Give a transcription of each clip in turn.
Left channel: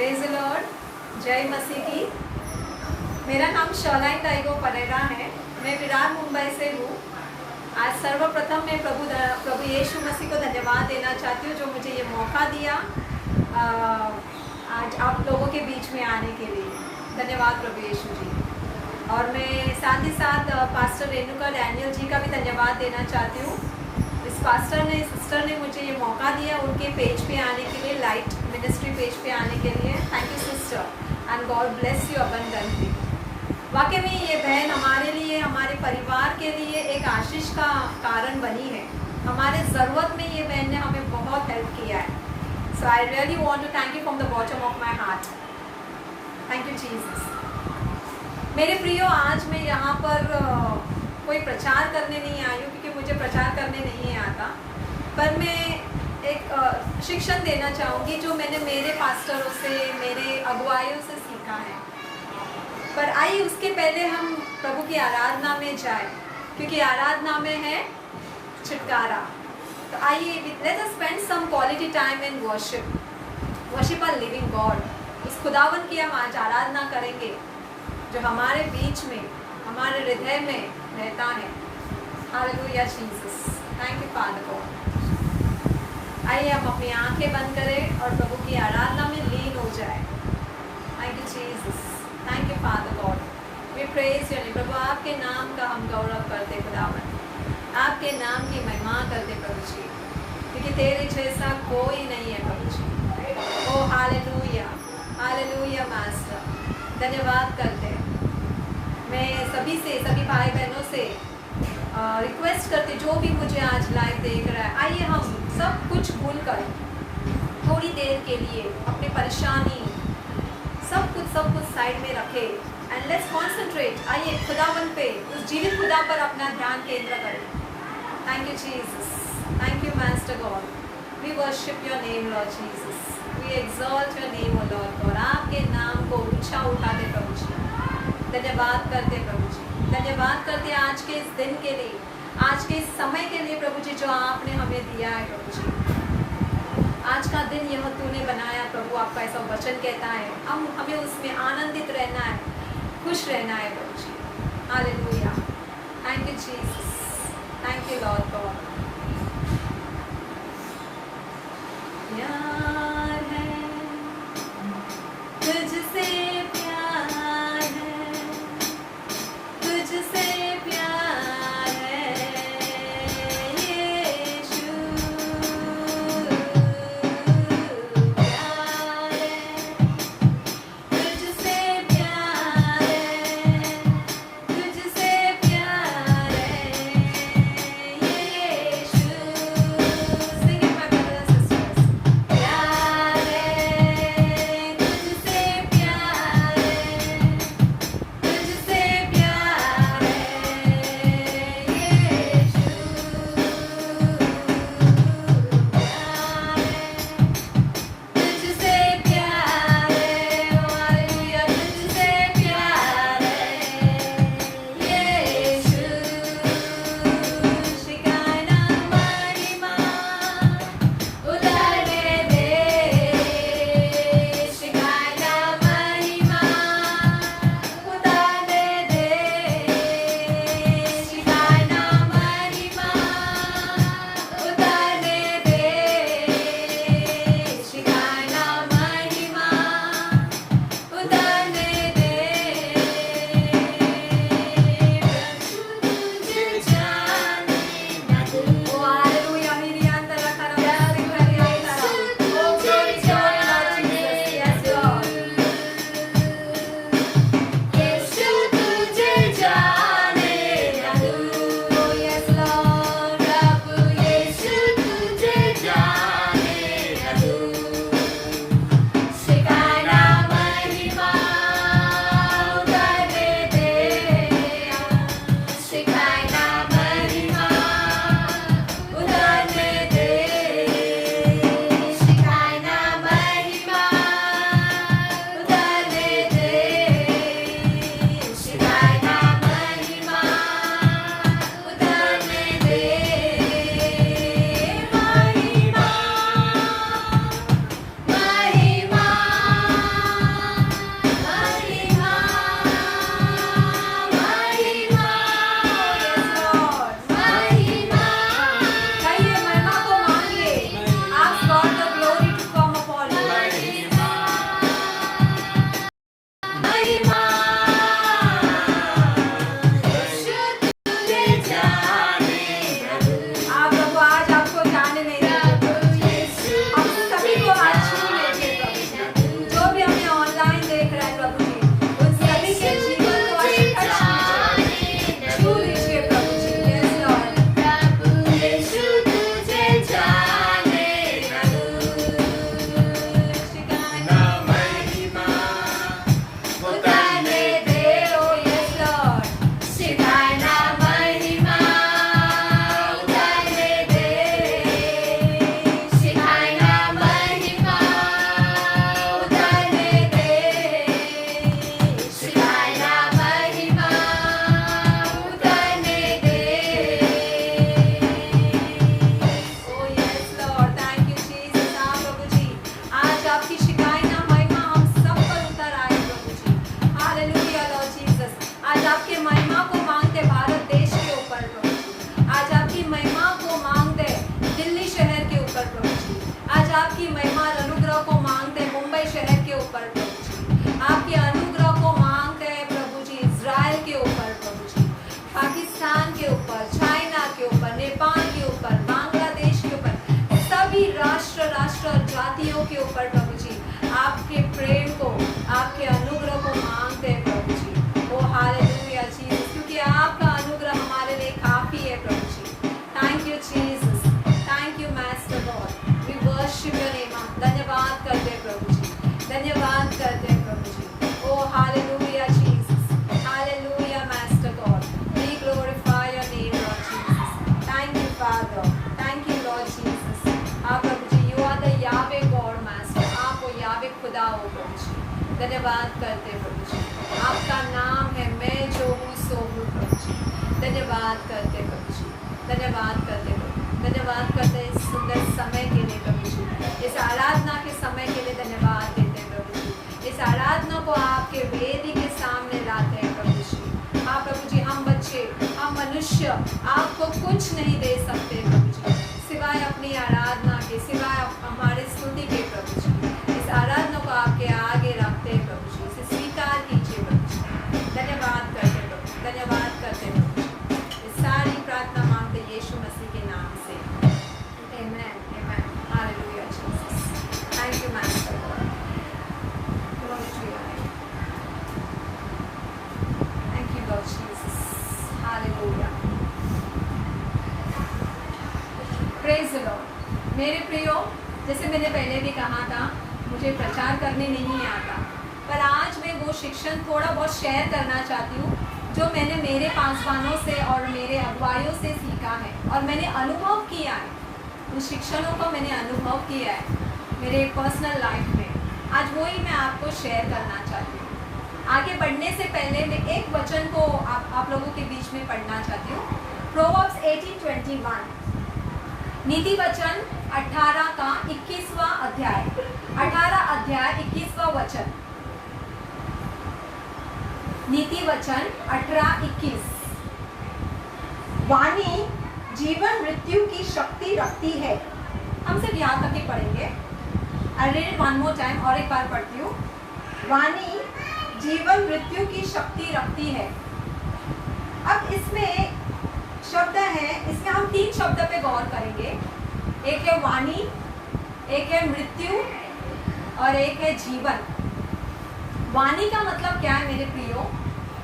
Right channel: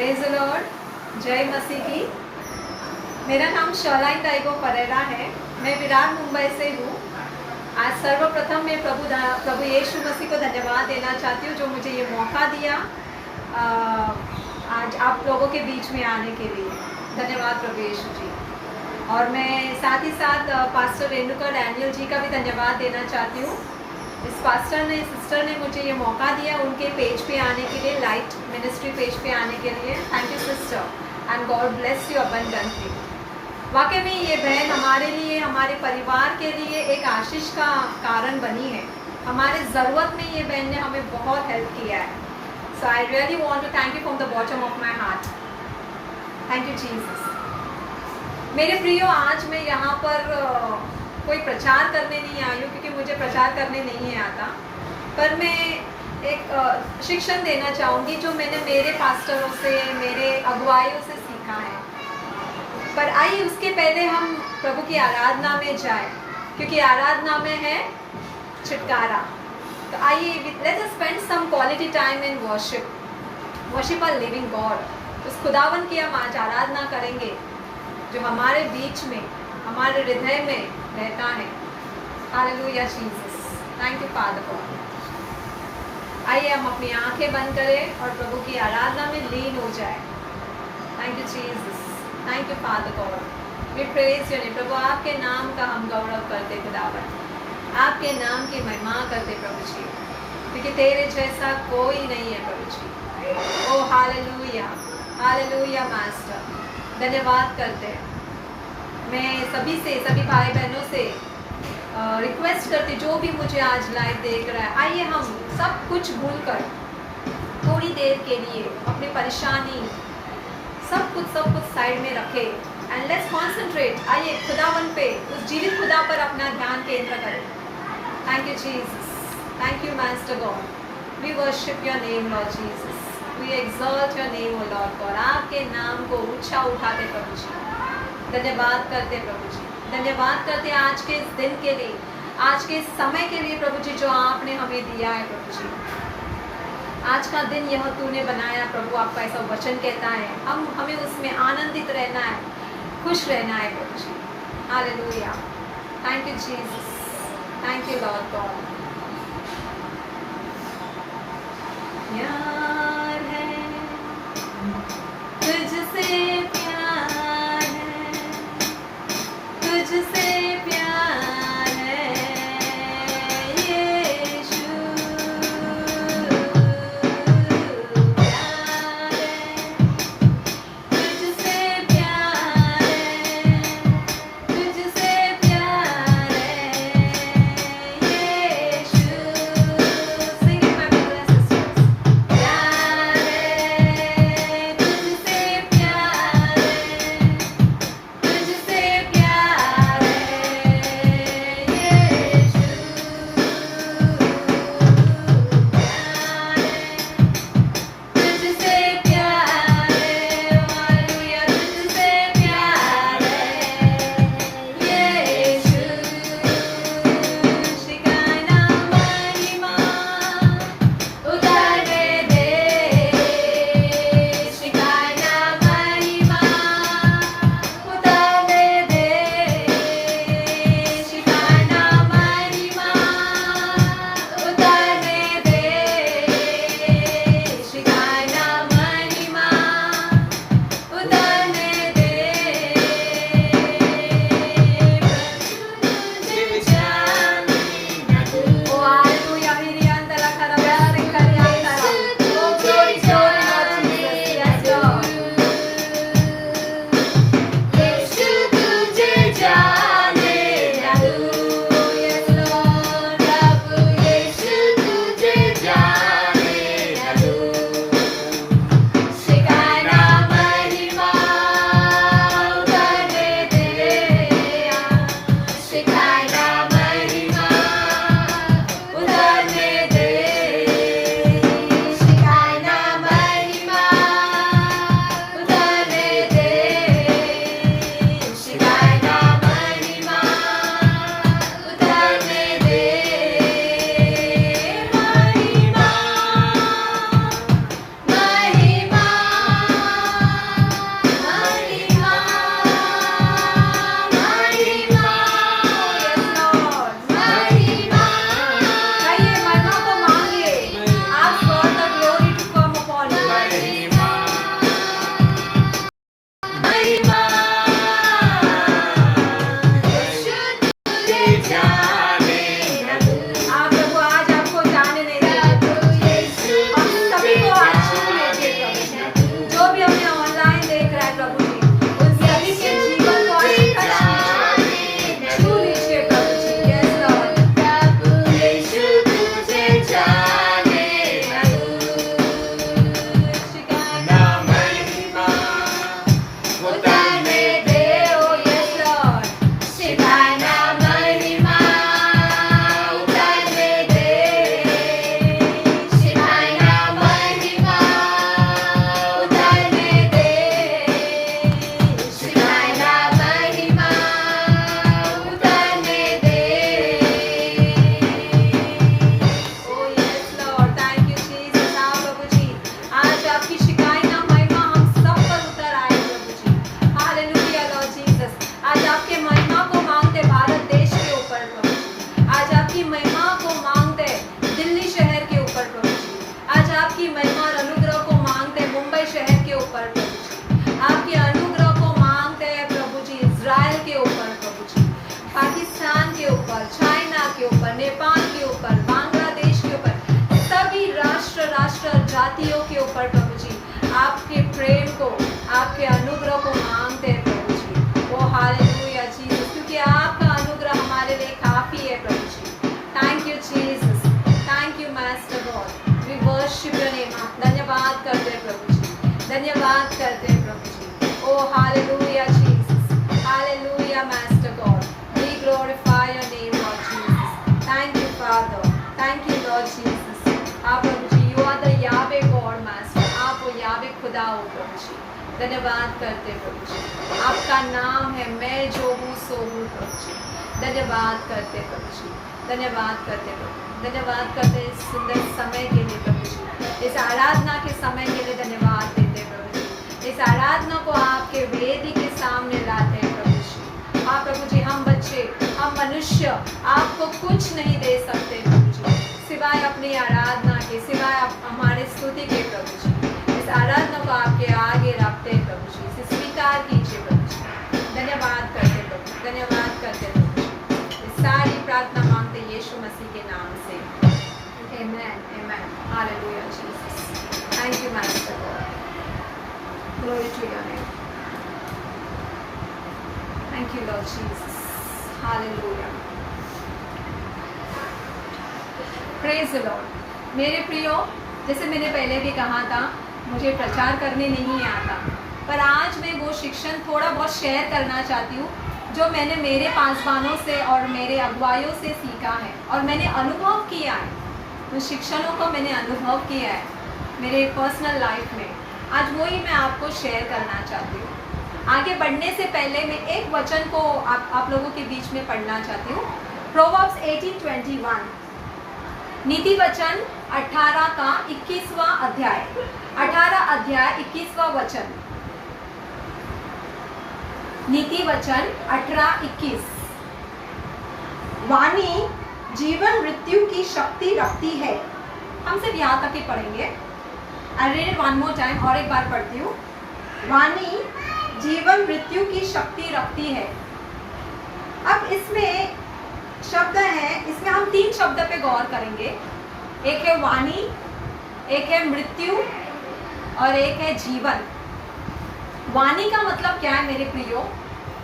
Praise the Lord, जय मसीह की। मेरा नाम शलाइन टाइगो परेरा है। मैं विरार मुंबई से हूँ। आज सर्वप्रथम मैं प्रभु यीशु मसीह को धन्यवाद देना चाहती हूँ जो मुझे ये मौका दिया आज आप लोगों के बीच में आने के लिए। धन्यवाद प्रभु यीशु जी। और मैं साथ ही साथ पास्टर रेणुका डैनियल जी का भी धन्यवाद देना चाहती हूँ। इस सिस्टर ने मुझे ये मौका दिया उनके पेज पे आने के लिए, लाइट मिनिस्ट्री पेज पे आने के लिए। Thank you sister and God bless you abundantly. वाकई में ये बहन हमारे लिए, हमारे परिवार के लिए एक आशीष का कारण बनी है। हमारे ज़रूरत में ये बहन ने हमें बहुत हेल्प किया है। So I really want to thank you from the bottom of my heart. Thank you Jesus. मेरे प्रियो, आज मैं यहाँ पर कोई प्रचार करने नहीं आई हूँ क्योंकि मुझे प्रचार करने नहीं आता, पर मैं एक शिक्षण देना चाहूँगी जो मैंने मेरे पास्टरों से, मेरे अगुवाइयों से सीखा है। पर आइए उसके पहले हम प्रभु की आराधना में जाए क्योंकि आराधना में है छुटकारा। तो आइए let's us spend some quality time in worship a living god. उस खुदावन की हम आज आराधना करेंगे जो हमारे बीच में, हमारे हृदय में रहता है। Hallelujah Jesus, thank you father God. आइए हम अपनी आंखें बंद करें और प्रभु की आराधना में लीन हो जाए। Thank you Jesus, thank you father God. We praise your name. प्रभु आपके नाम का हम गौरव करते खुदावन, आपके नाम की महिमा करते प्रभु जी, क्योंकि तेरे जैसा कोई नहीं है प्रभु जी। Oh hallelujah, hallelujah master. धन्यवाद करते हैं। मैं सभी भाई बहनों से रिक्वेस्ट करती, जो भी मुझे आज लाइव देख रहा है, आइए हम सब कुछ भूलकर थोड़ी देर के लिए अपनी परेशानी सब कुछ साइड में रखें एंड लेट्स कॉन्सेंट्रेट। आइए खुदावन पे, उस जीवित खुदा पर अपना ध्यान केंद्र करें। Thank you Jesus, thank you master God. We worship your name Lord Jesus, we exalt your name O lord god. आपके नाम को ऊंचा उठाते प्रभु जी, धन्यवाद करते प्रभु जी, धन्यवाद करते आज के इस दिन के लिए, आज के इस समय के लिए प्रभु जी जो आपने हमें दिया है प्रभु जी। आज का दिन यह तूने बनाया प्रभु, आपका ऐसा वचन कहता है हमें उसमें आनंदित रहना है, खुश रहना है प्रभु जी। Hallelujah, thank you Jesus, thank you Lord God. प्यार है तुझसे, प्यार है तुझसे, प्यार है यीशु, प्यार है तुझसे, प्यार है तुझसे, प्यार है यीशु। Sing it, my brothers and sisters. प्यार जातियों के ऊपर प्रभु जी आपके प्रेम को, आपके अनुग्रह को मांगते हैं प्रभु जी। ओ हालेलुया जीसस, क्योंकि आपका अनुग्रह हमारे लिए काफी है प्रभु जी। Thank you Jesus, thank you master God, we worship your name. धन्यवाद करते हैं प्रभु जी, धन्यवाद करते हैं प्रभु जी। Oh hallelujah Jesus, hallelujah master God, we glorify your name Lord Jesus. Thank you father, thank you Lord Jesus. आप प्रभु जी, you are the Yahweh God master, आप वो यावे खुदा हो प्रभु जी। धन्यवाद करते प्रभु जी, आपका नाम है मैं जो हूँ सो हूँ प्रभु जी। धन्यवाद करते प्रभु जी, धन्यवाद करते प्रभु, धन्यवाद करते इस सुंदर समय के लिए प्रभु जी, इस आराधना के समय के लिए धन्यवाद देते प्रभु जी। इस आराधना को आपके वेदी के सामने लाते हैं प्रभु जी। हाँ प्रभु जी, हम बच्चे, हम मनुष्य आपको कुछ नहीं दे सकते प्रभु जी, सिवाय अपनी आराधना के, सिवाय हमारे स्तुति के प्रभु जी। इस आराधना को आपके आगे रखते हैं प्रभु जी, इसे स्वीकार कीजिए प्रभु जी। धन्यवाद करते प्रभु, धन्यवाद करते प्रभु जी। इस सारी प्रार्थना मांगते यीशु मसीह के नाम से, amen, amen, hallelujah Jesus. Thank you master God, glory to your name. Thank you Lord Jesus, hallelujah, praise the Lord. मेरे प्रियो, जैसे मैंने पहले भी कहा था, मुझे प्रचार करने नहीं आता, पर आज मैं वो शिक्षण थोड़ा बहुत शेयर करना चाहती हूँ जो मैंने मेरे पासवानों से और मेरे अगुवाइयों से सीखा है और मैंने अनुभव किया है। उन शिक्षणों को मैंने अनुभव किया है मेरे पर्सनल लाइफ में। आज वही मैं आपको शेयर करना चाहती हूँ। आगे बढ़ने से पहले मैं एक वचन को आप लोगों के बीच में पढ़ना चाहती हूँ। प्रोवर्ब्स 18:21, नीति वचन 18 का 21वां अध्याय, 18 अध्याय 21वां वचन। नीति वचन 18:21, वाणी जीवन मृत्यु की शक्ति रखती है। हम सिर्फ यहाँ तक ही पढ़ेंगे। I read one more time, और एक बार पढ़ती हूँ। वाणी जीवन मृत्यु की शक्ति रखती है। अब इसमें शब्द है, इसमें हम 3 शब्द पे गौर करेंगे। एक है वाणी, एक है मृत्यु और एक है जीवन। वाणी का मतलब क्या है मेरे प्रियो?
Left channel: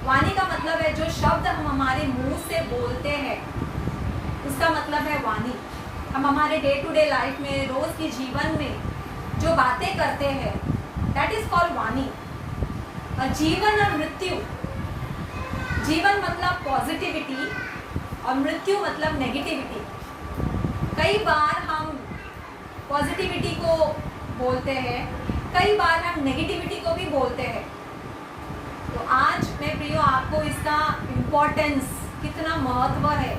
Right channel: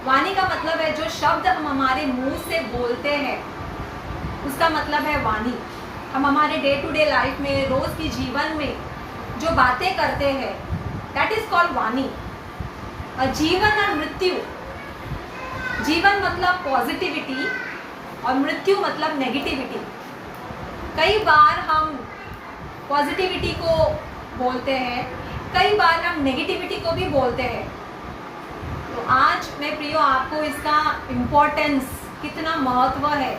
वाणी का मतलब है जो शब्द हम हमारे मुंह से बोलते हैं, उसका मतलब है वाणी। हम हमारे डे टू डे लाइफ में, रोज की जीवन में जो बातें करते हैं, दैट इज कॉल्ड वाणी। और जीवन और मृत्यु, जीवन मतलब पॉजिटिविटी और मृत्यु मतलब नेगेटिविटी। कई बार हम पॉजिटिविटी को बोलते हैं, कई बार हम नेगेटिविटी को भी बोलते हैं। तो आज मैं प्रियो आपको इसका इम्पोर्टेंस, कितना महत्व है,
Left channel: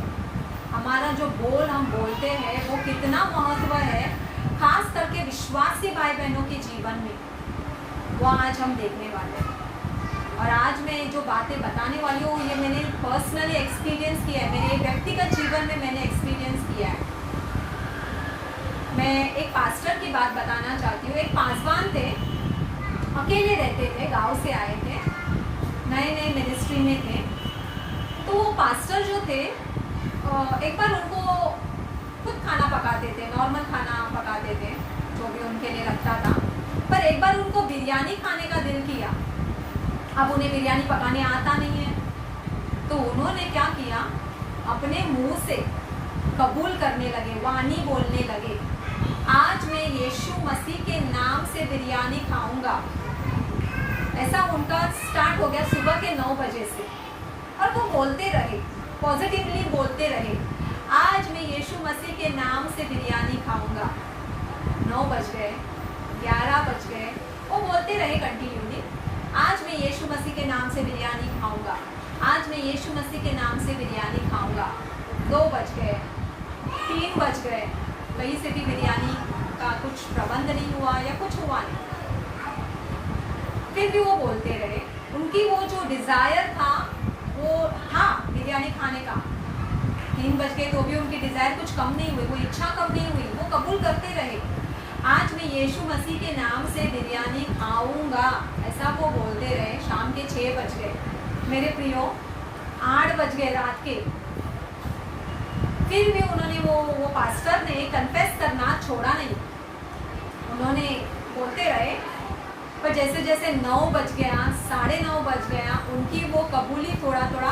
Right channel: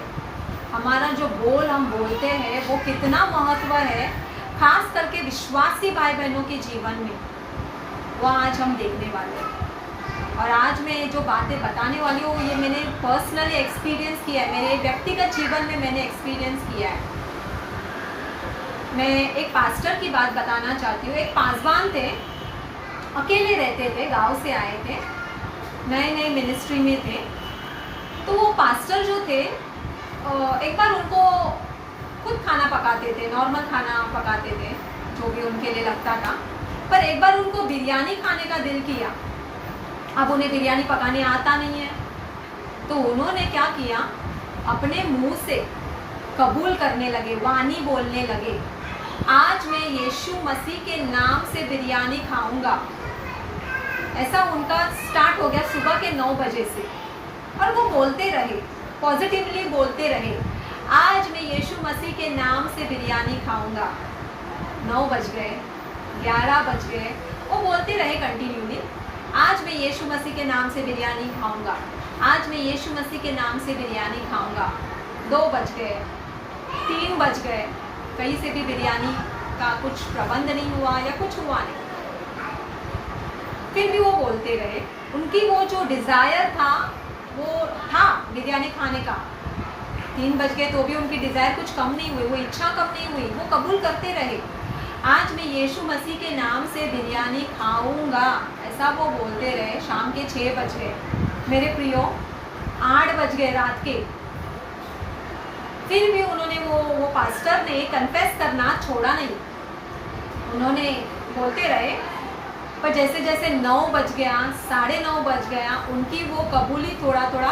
हमारा जो बोल हम बोलते हैं वो कितना महत्व है, खास करके विश्वासी भाई बहनों के जीवन में, वो आज हम देखने वाले हैं। और आज मैं जो बातें बताने वाली हूँ ये मैंने पर्सनली एक्सपीरियंस किया है, मेरे व्यक्तिगत जीवन में मैंने एक्सपीरियंस किया है। मैं एक पास्टर की बात बताना चाहती हूँ। एक पासवान थे, अकेले रहते थे, गांव से आए थे, नए नए मिनिस्ट्री में थे। तो वो पास्टर जो थे, एक बार उनको खुद खाना पकाते थे, नॉर्मल खाना पकाते थे जो भी उनके लिए लगता था, पर एक बार उनको बिरयानी खाने का दिल किया। अब उन्हें बिरयानी पकाने आता नहीं है, तो उन्होंने क्या किया, अपने मुंह से कबूल करने लगे, वाणी बोलने लगे, आज मैं यीशु मसीह के नाम से बिरयानी खाऊंगा। ऐसा उनका स्टार्ट हो गया सुबह के 9 बजे से, और वो बोलते रहे, पॉजिटिवली बोलते रहे, आज मैं यीशु मसीह के नाम से बिरयानी खाऊंगा। 9 बज गए, 11 बज गए, वो बोलते रहे कंटिन्यूली, आज मैं यीशु मसीह के नाम से बिरयानी खाऊंगा, आज मैं यीशु मसीह के नाम से बिरयानी खाऊंगा। 2 बज गए, 3 बज गए, कहीं से भी बिरयानी का कुछ प्रबंध नहीं हुआ या कुछ हुआ नहीं, फिर भी वो बोलते रहे। उनकी वो जो डिज़ायर था वो था बिरयानी खाने का। 3 बज गए तो भी उनकी डिज़ायर कुछ कम नहीं हुई, वो इच्छा कम नहीं हुई, वो कबूल करते रहे, आज मैं यीशु मसीह के नाम से बिरयानी खाऊंगा, ऐसा वो बोलते रहे। शाम के 6 बज गए मेरे प्रियो, 8 बज गए रात के, फिर भी उन्होंने वो पास्टर ने कन्फेस करना छोड़ा नहीं। उन्होंने बोलते रहे, पर जैसे जैसे 9 बज गया, 9:30 बज गया, उनकी वो कबूली थोड़ा थोड़ा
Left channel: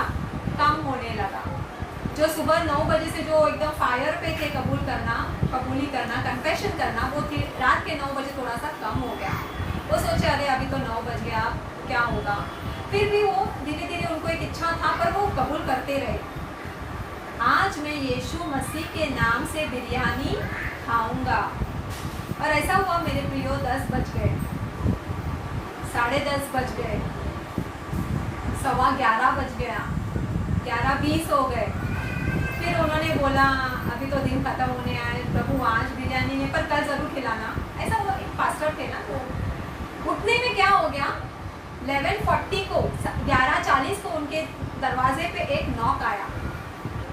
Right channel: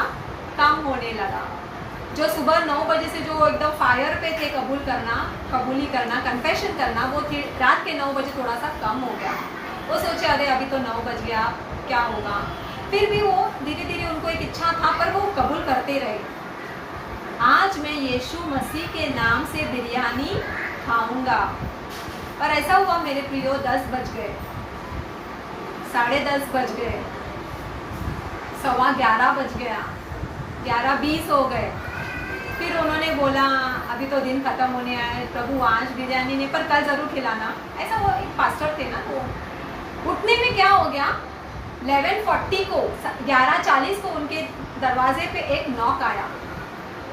कम होने लगा। जो सुबह 9 बजे से जो एकदम फायर पे थे कबूली करना, कन्फेशन करना, वो रात के 9 बजे थोड़ा सा कम हो गया। वो सोचे अरे अभी तो 9 बज गया, क्या होगा। फिर भी वो धीरे धीरे उनको एक इच्छा था, पर वो कबूल करते रहे। आज मैं यीशु मसीह के नाम से बिरयानी खाऊंगा। और ऐसा हुआ मेरे प्रियो, 10 बज गए, 10:30 बज गए, 11:15 बज गया, 11:20 हो गए। फिर उन्होंने बोला अभी तो दिन खत्म होने आए, प्रभु आज बिरयानी नहीं, पर कल जरूर खिलाना। ऐसा वो एक पास्टर थे ना, तो उठने में क्या हो गया, 11:40 को, 11:40 को उनके दरवाजे पे एक नॉक आया।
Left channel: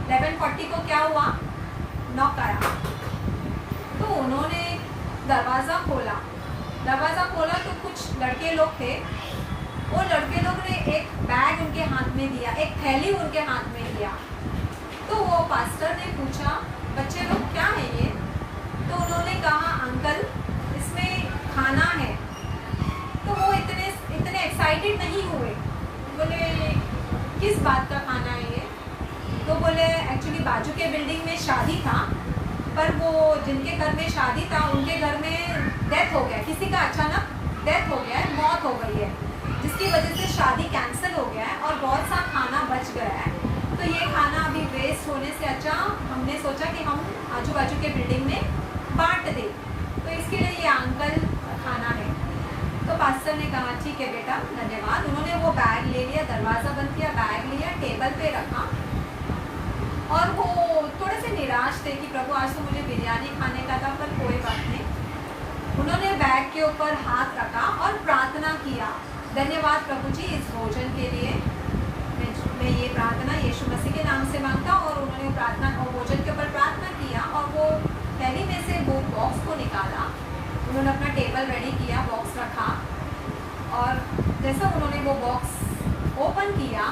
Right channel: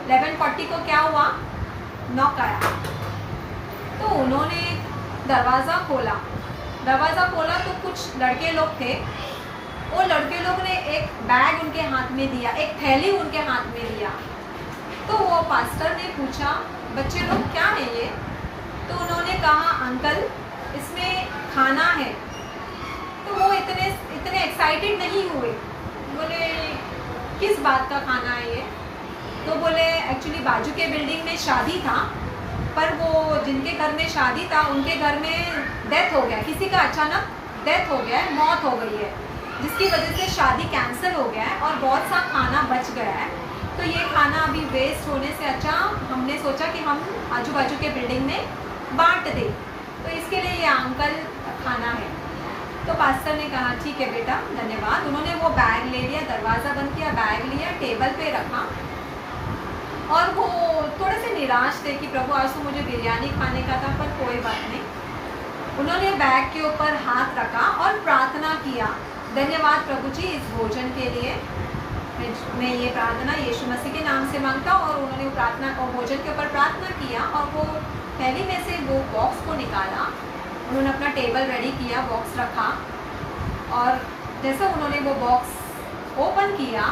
11:40 को क्या हुआ, नॉक आया। तो उन्होंने दरवाज़ा खोला तो कुछ लड़के लोग थे। वो लड़के लोग ने एक बैग उनके हाथ में दिया, एक थैली उनके हाथ में दिया। तो वो पास्टर ने पूछा बच्चे लोग क्या है ये। तो उन्होंने कहा अंकल इसमें खाना है। तो वो इतने एक्साइटेड नहीं हुए, बोले किस बात का खाना है ये। तो बोले एक्चुअली बाजू के बिल्डिंग में शादी था, पर वो जिनके घर में शादी था उनके घर में डेथ हो गया, किसी का अचानक डेथ हो गया है, मौत हो गई है, जिसकी वजह से शादी कैंसिल हो गया है और बहुत सा खाना बच गया है। तो ये खाना अभी वेस्ट होने से अच्छा हमने सोचा कि हम आजू बाजू के बिल्डिंग में बांट दें, तो इसके लिए ये अंकल खाना है। तो पास्टर ने कहा ठीक है बेटा, धन्यवाद। उन्होंने वो बैग ले लिया, दरवाज़ा बंद किया, बैग लिया, टेबल पे रखा। और वो थोड़े से निराश थे कि प्रभु आज तो मुझे बिरयानी खाने का था, पर कोई बात नहीं। उन्होंने बैग के ऊपर हाथ रखा और प्रार्थना किया, धन्यवाद प्रभु जी इस भोजन के लिए, मैं ये प्रार्थना यीशु मसीह के नाम से मांगता हूँ। और उन्होंने प्रार्थना और भोजन के ऊपर प्रार्थना किया और वो थैली में से वो बॉक्स को निकाला। उन्होंने अपना टेबल रेडी किया, बॉक्स रखा, और जैसे उन्होंने वो बॉक्स ओपन किया,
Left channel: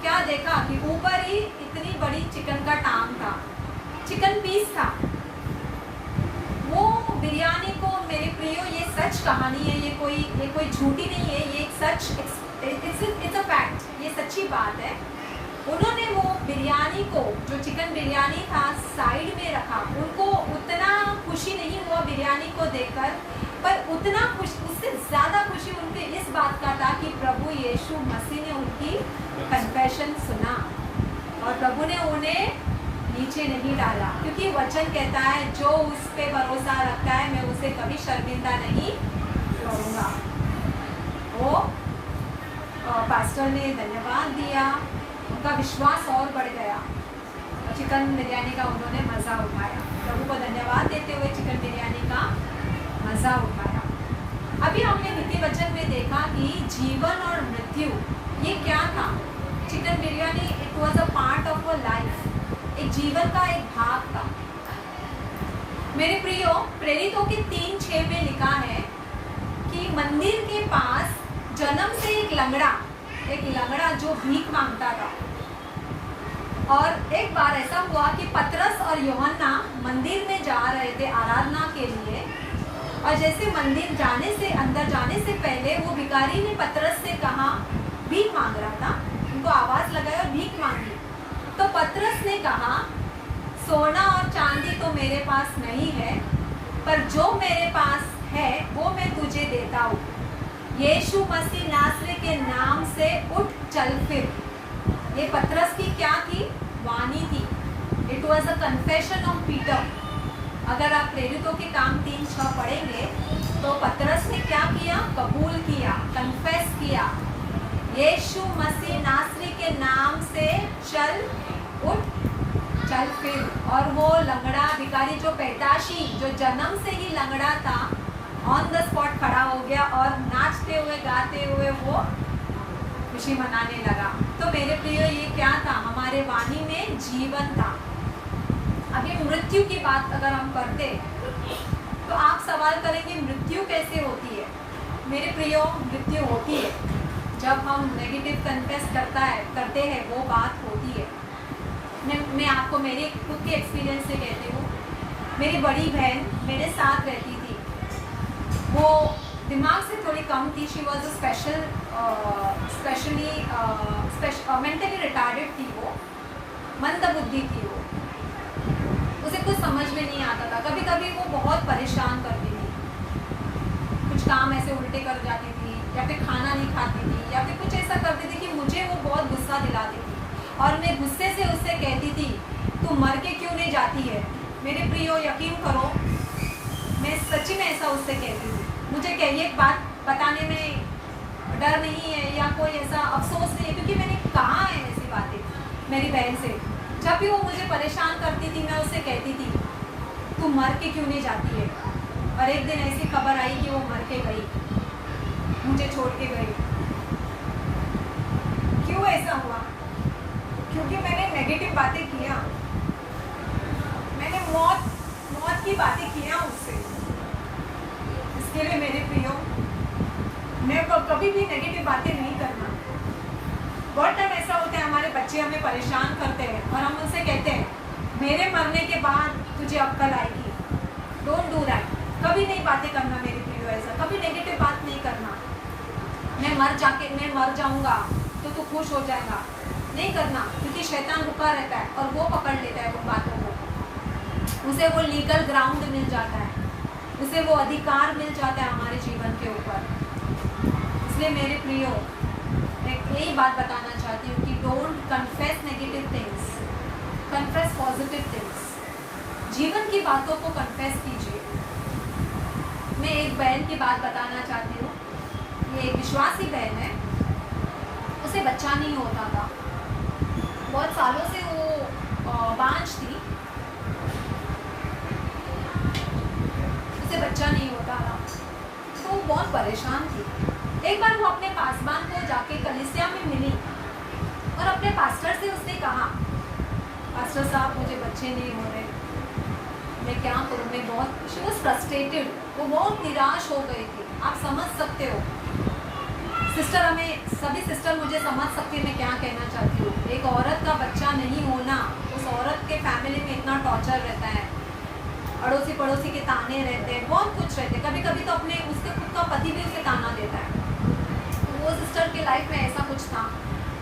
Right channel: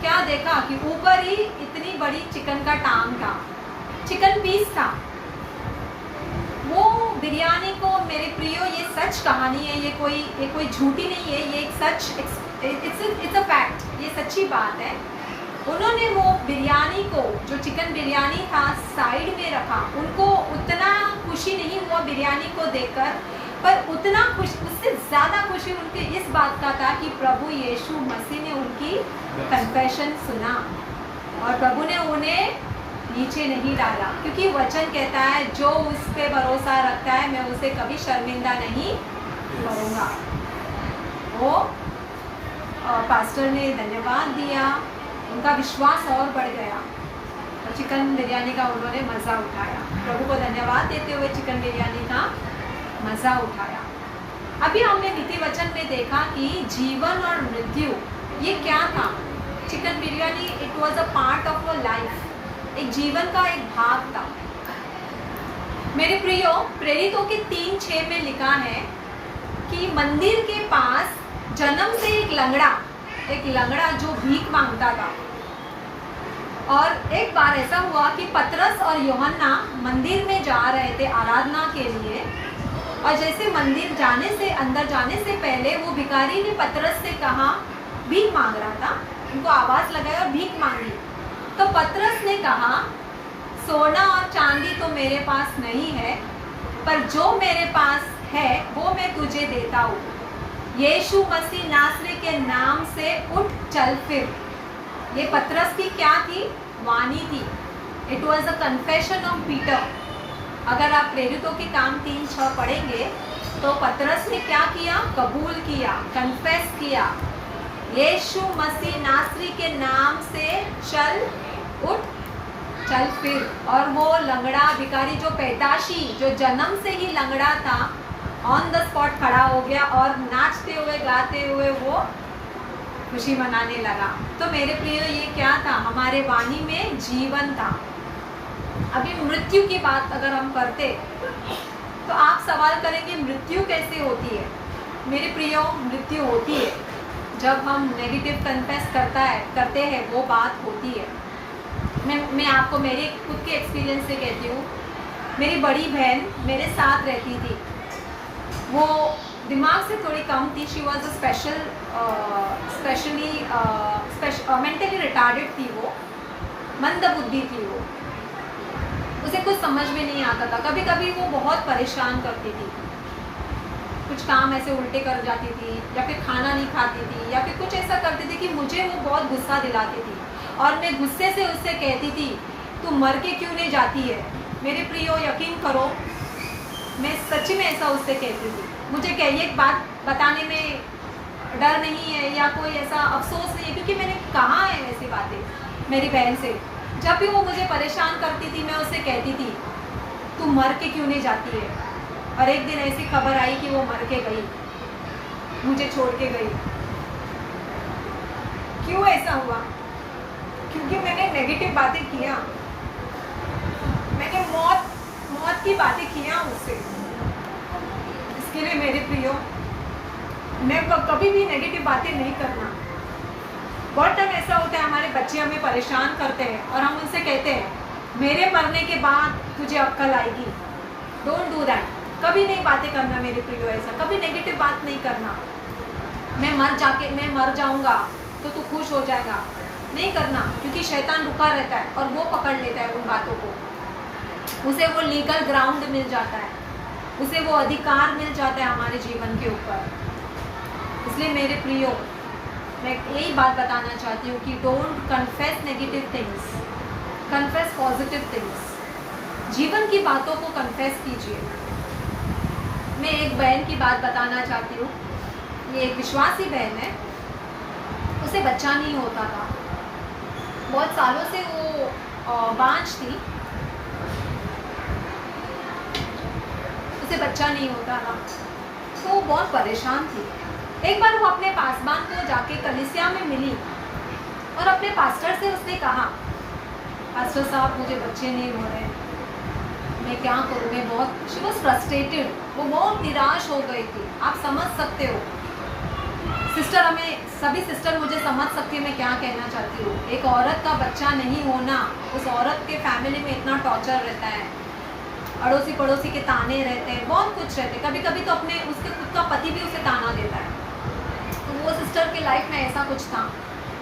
क्या देखा कि ऊपर ही इतनी बड़ी चिकन का टांग था, चिकन पीस था। वो बिरयानी को मेरे प्रियो, ये सच कहानी है, ये कोई झूठी नहीं है, ये एक सच, इट्स अ फैक्ट, ये सच्ची बात है। उन्होंने वो बिरयानी को, जो चिकन बिरयानी था, साइड में रखा। उनको उतना खुशी नहीं हुआ बिरयानी को देखकर, पर उतना उससे ज़्यादा खुशी उनके इस बात का था कि प्रभु यीशु मसीह ने उनकी कन्फेशन सुना और प्रभु ने उन्हें नीचे नहीं डाला, क्योंकि वचन कहता है जो उस पे भरोसा रखता है मैं उसे कभी शर्मिंदा नहीं करूँगा। वो पास्टर ने धन्यवाद दिया, उनका विश्वास और बढ़ गया और चिकन बिरयानी का उन्होंने मज़ा उठाया। प्रभु को धन्यवाद देते हुए चिकन बिरयानी का मज़ा उठाया। अभी हमने नीति वचन में देखा कि जीवन और मृत्यु ये क्या था। Chicken biryani it was a part of a life, एक जीवन का एक भाग था। मेरे प्रियो, प्रेरितों के 3:6 में लिखा है कि मंदिर के पास जन्म से एक लंगड़ा जो भीख मांगता था। और एक बार ऐसा हुआ कि पतरस और यूहन्ना मंदिर में जा रहे थे आराधना के लिए, और जैसे मंदिर अंदर जाने से पहले वो भिखारी ने पतरस से कहा, भीख मांग रहा था, उनको आवाज लगाई और भीख मांगी। तो पतरस ने कहा, सोना और चांदी तो मेरे पास नहीं है, पर जो मेरे पास है वो मैं तुझे देता हूँ। यीशु मसीह नासरी के नाम से उठ चल फिर। ये पतरस की क्या थी? वाणी थी। It was a confession of Peter. अगर आप प्रेरितों के काम 3:6 पढ़ेंगे तो पतरस ने क्या किया? कबूल किया, कन्फेस किया, यीशु मसीह नासरी के नाम से चल उठ चल फिर। और वो लंगड़ा भिखारी, जो पैदाशी, जो जन्म से ही लंगड़ा था, ऑन द स्पॉट खड़ा हो गया और नाचते हुए गाते हुए वो खुशी मनाने लगा। तो मेरे प्रिय, ये क्या था? हमारे वाणी में जीवन था। अभी मृत्यु की बात अगर हम करते तो आप सवाल करेंगे मृत्यु कैसे होती है? मेरे प्रियो, मृत्यु होती है जब हम नेगेटिव कन्फेस करते हैं, वो बात होती है। मैं आपको मेरे खुद के एक्सपीरियंस से कहती हूँ। मेरी बड़ी बहन मेरे साथ रहती थी, वो दिमाग से थोड़ी कम थी। She was a mentally retarded थी, वो मंद बुद्धि थी। वो उसे कुछ समझ में नहीं आता था। कभी कभी वो बहुत परेशान करती थी, कुछ काम ऐसे उल्टे कर जाती थी, या फिर खाना नहीं खाती थी, या फिर कुछ ऐसा करती थी कि मुझे वो बहुत गुस्सा दिलाती थी। और मैं गुस्से से उससे कहती थी, तू मर के क्यों नहीं जाती है। मेरे प्रियो, यकीन करो, मैं सच में ऐसा उससे कहती थी। मुझे कहिए एक बात बताने में डर नहीं है या कोई ऐसा अफसोस नहीं है, क्योंकि मैंने कहा है ऐसी बातें मेरी बहन से। जब भी वो मुझे परेशान करती थी, मैं उससे कहती थी, तू मर के क्यों नहीं जाती है। और एक दिन ऐसी खबर आई कि वो मर के गई, मुझे छोड़ के गई। क्यों ऐसा हुआ? क्योंकि मैंने नेगेटिव बातें किया, मैंने मौत की बातें किया उससे। इसके लिए मेरे प्रियो, मैं कभी भी नेगेटिव बातें नहीं करना। बहुत टाइम ऐसा होता है, हमारे बच्चे हमें परेशान करते हैं और हम उनसे कहते हैं, मेरे मरने के बाद तुझे अक्ल आएगी। Don't do that. कभी नहीं बातें करना मेरे प्रियो, ऐसा कभी नेगेटिव बात नहीं करना। मैं मर जाऊंगा तो तू खुश हो जाएगा, नहीं करना। क्योंकि शैतान रुका रहता है और वो पकड़ लेता है उन बातों को। उसे वो लीगल ग्राउंड मिल जाता है, उसे वो अधिकार मिल जाता है हमारे जीवन के ऊपर। इसलिए मेरे प्रियो, मैं यही बात बताना चाहती हूँ कि don't confess negative things, confess positive things. जीवन की बातों को कन्फेस कीजिए। मैं एक बहन की बात बताना चाहती हूँ। ये एक विश्वासी बहन है, उसे बच्चा नहीं होता था। बहुत सालों से वो बांझ थी, उसे बच्चा नहीं होता था, तो वो बहुत परेशान थी। एक बार वो अपने पासबान को जाके कलीसिया में मिली और अपने पास्टर से उसने कहा, पास्टर साहब मुझे बच्चे नहीं हो रहे, मैं क्या करूँ। मैं बहुत शी वॉज फ्रस्ट्रेटेड, वो बहुत निराश हो गई थी। आप समझ सकते हो सिस्टर, हमें सभी सिस्टर मुझे समझ सकती है मैं क्या कहना चाहती हूँ। एक औरत का बच्चा नहीं होना, उस औरत के फैमिली में इतना टॉर्चर रहता है, अड़ोसी पड़ोसी के ताने रहते हैं, बहुत कुछ रहते हैं। कभी कभी तो अपने उसके खुद का पति भी उसे ताना देता है। तो वो सिस्टर की लाइफ में ऐसा कुछ था,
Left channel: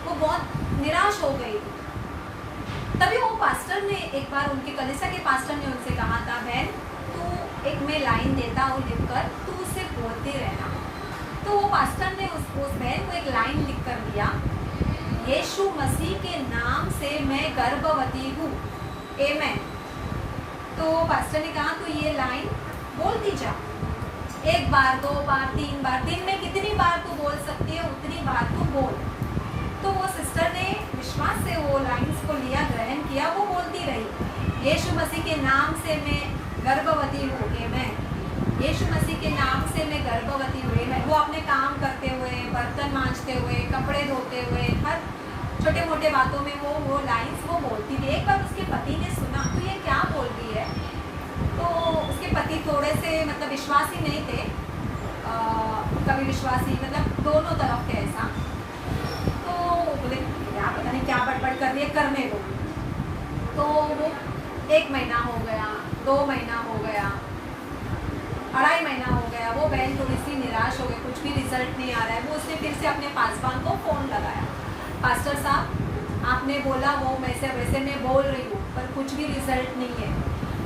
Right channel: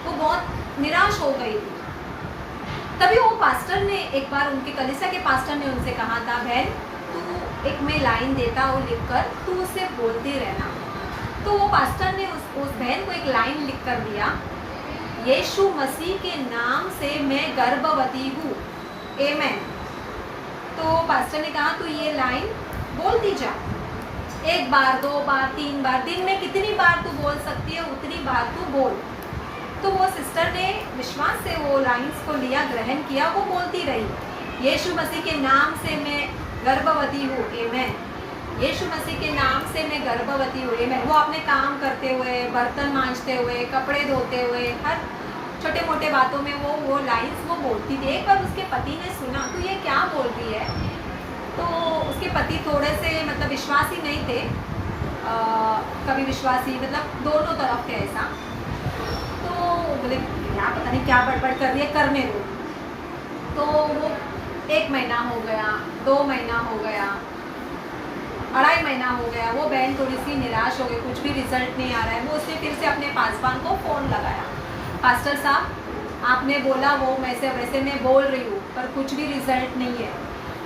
वो बहुत निराश हो गई थी। तभी वो पास्टर ने एक बार, उनके कलीसिया के पास्टर ने उनसे कहा था, बहन तू एक मैं लाइन देता हूँ लिखकर, तू उसे बोलती रहना। तो वो पास्टर ने उस बहन को एक लाइन लिख कर दिया, यीशु मसीह के नाम से मैं गर्भवती हूँ, आमेन। तो पास्टर ने कहा तू ये लाइन बोलती जा, 1 बार 2 बार 3 बार, दिन में कितनी बार तू बोल सकती है उतनी बार तू बोल। तो वो सिस्टर ने विश्वास से वो लाइंस को लिया, ग्रहण किया, वो बोलती रही, यीशु मसीह के नाम से मैं गर्भवती हूँ, आमेन। यीशु मसीह के नाम से मैं गर्भवती हूँ, आमेन। वो अपने काम करते हुए, बर्तन मांजते हुए, कपड़े धोते हुए, हर छोटे मोटे बातों में वो लाइंस वो बोलती थी। एक बार उसके पति ने सुना, तो ये क्या बोल रही है। तो उसके पति थोड़े से मतलब विश्वासी नहीं थे, कभी विश्वासी मतलब दोनों तरफ थे ऐसा। तो बोले क्या पता नहीं क्या बड़बड़ कर रही है, करने दो। तो वो 1 महीना हो गया, 2 महीना हो गया, 2.5 महीना हो गया। वो बहन थोड़ी सी निराश हो गई, कुछ भी रिजल्ट नहीं आ रहा है। वो उसने फिर से अपने पासवान को फ़ोन लगाया, पास्टर साहब आपने बोला वो वैसे मैं बोल रही हूँ, पर कुछ भी रिजल्ट नहीं है।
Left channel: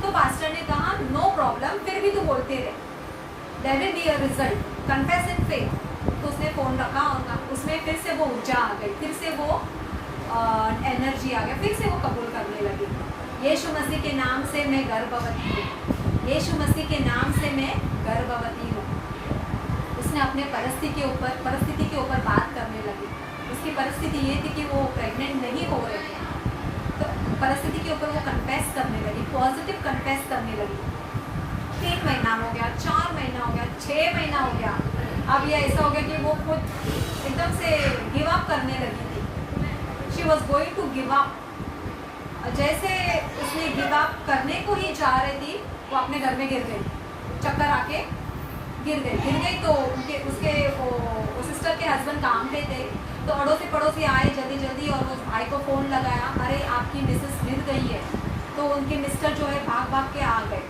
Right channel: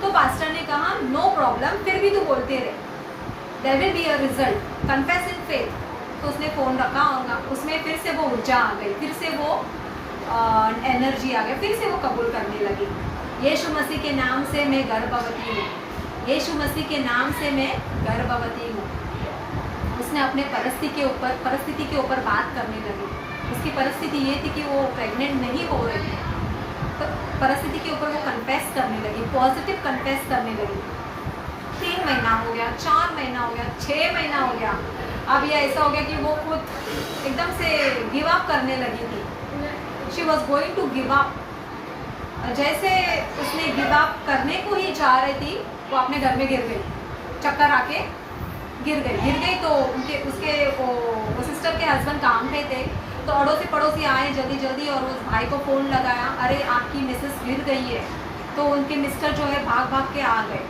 तो पास्टर ने कहा नो प्रॉब्लम, फिर भी तू बोलते रहे, there will be a result, confess in faith. तो उसने फ़ोन रखा और उसमें फिर से वो ऊर्जा आ गई, फिर से वो एनर्जी आ गई, फिर से वो कबूल करने लगी। यीशु मसीह के नाम से मैं गर्भवती हूँ, यीशु मसीह के नाम से मैं गर्भवती हूँ। उसने अपने परिस्थिति के ऊपर बात करने लगी। उसकी परिस्थिति ये थी कि वो प्रेग्नेंट नहीं हो रही थी, तो परिस्थिति के ऊपर वो कन्फेस करने लगी, पॉजिटिव कन्फेस करने लगी। 3 महीना हो गया, 4 महीना हो गया, 6 महीना हो गया। अब ये ऐसा हो गया कि वो खुद एकदम से गिव अप करने लगी थी। She was going to give up. जैसे उसने गिव अप करने को ही जा रही थी, वो अपने घर में गिर गई, चक्कर आके गिर गई। तो उसके वो सिस्टर के हस्बैंड काम पे थे, तो अड़ोसी पड़ोसी आए जल्दी और उस भाई को फ़ोन लगाया, अरे आपकी मिसेस गिर गई है। तो उनके मिस्टर जो है भाग के आ गए,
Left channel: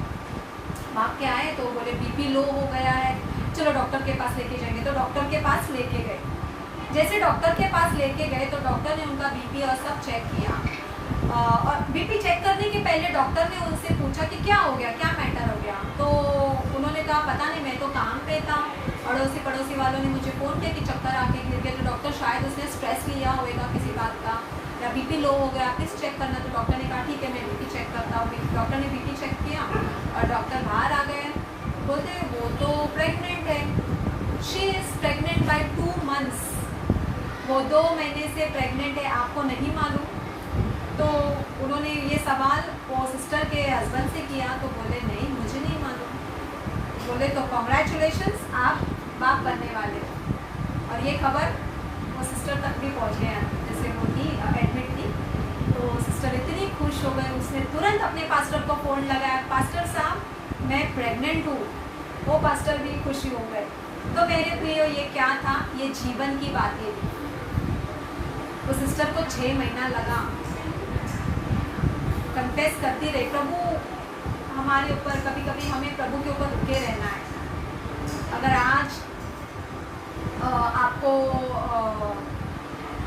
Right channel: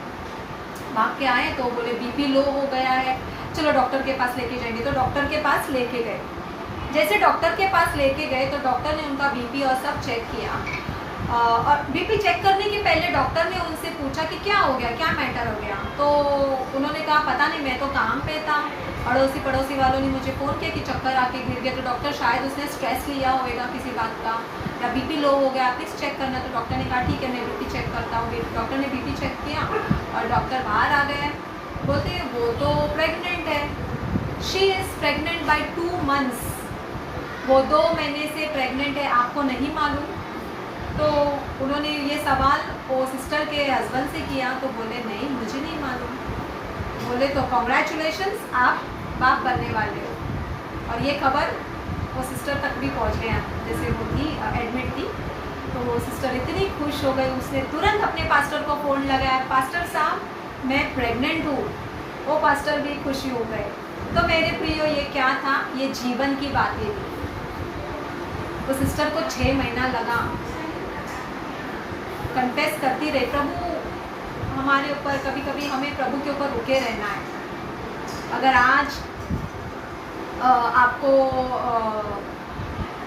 भाग के आए तो बोले बीपी लो हो गया है, चलो डॉक्टर के पास लेके जाएंगे। तो डॉक्टर के पास लेके गए। जैसे डॉक्टर के पास लेके गए तो डॉक्टर ने उनका बीपी और सब चेक किया। और बीपी चेक करने के पहले डॉक्टर ने उनसे पूछा कि क्या हो गया, क्या मैटर हो गया। तो उन्होंने कहा पता नहीं, मैं तो काम पे था, पड़ोसी वालों ने मुझे फ़ोन किया कि चक्कर आके गिर गया। तो डॉक्टर शायद उसने स्ट्रेस लिया होगा किसी बात का, या बीपी लो हो गया, प्लीज़ चेक करना। तो डॉक्टर ने कहा ठीक है, मैं बीपी चेक करता हूँ। डॉक्टर ने बीपी चेक किया और डॉक्टर बाहर आ गए। बोलते वो तो प्रेग्नेंट है, she is pregnant by 2 months, वो 2 महीने से प्रेग्नेंट है, आपको नहीं मालूम। तो उन्होंने ये सवाल वो सिस्टर के हस्बैंड से किया। तो बोले नहीं, मुझे नहीं मालूम। बोले तो कॉन्ग्रेचुलेशंस, आप बाप बनने वाले हो। और ये खबर वो सिस्टर तक भी पहुंच गया। जैसे वो थी एडमिट थी, तो वो सिस्टर इतनी खुश हो गई, उसने तुरंत अपने पास्टर को फ़ोन लगाया, पास्टर साहब मैं प्रेग्नेंट हूँ। वो पास्टर भी खुशी हो गए। तो मेरे प्रियो ये क्या था, ये जीवन की बातें थी। वो सिस्टर को 6 महीना लगा, कन्फेस करती रही। प्रभु हमारे ऊपर, कभी कभी हमें प्रभु के ऊपर रुके रहना है। अगर आज आपको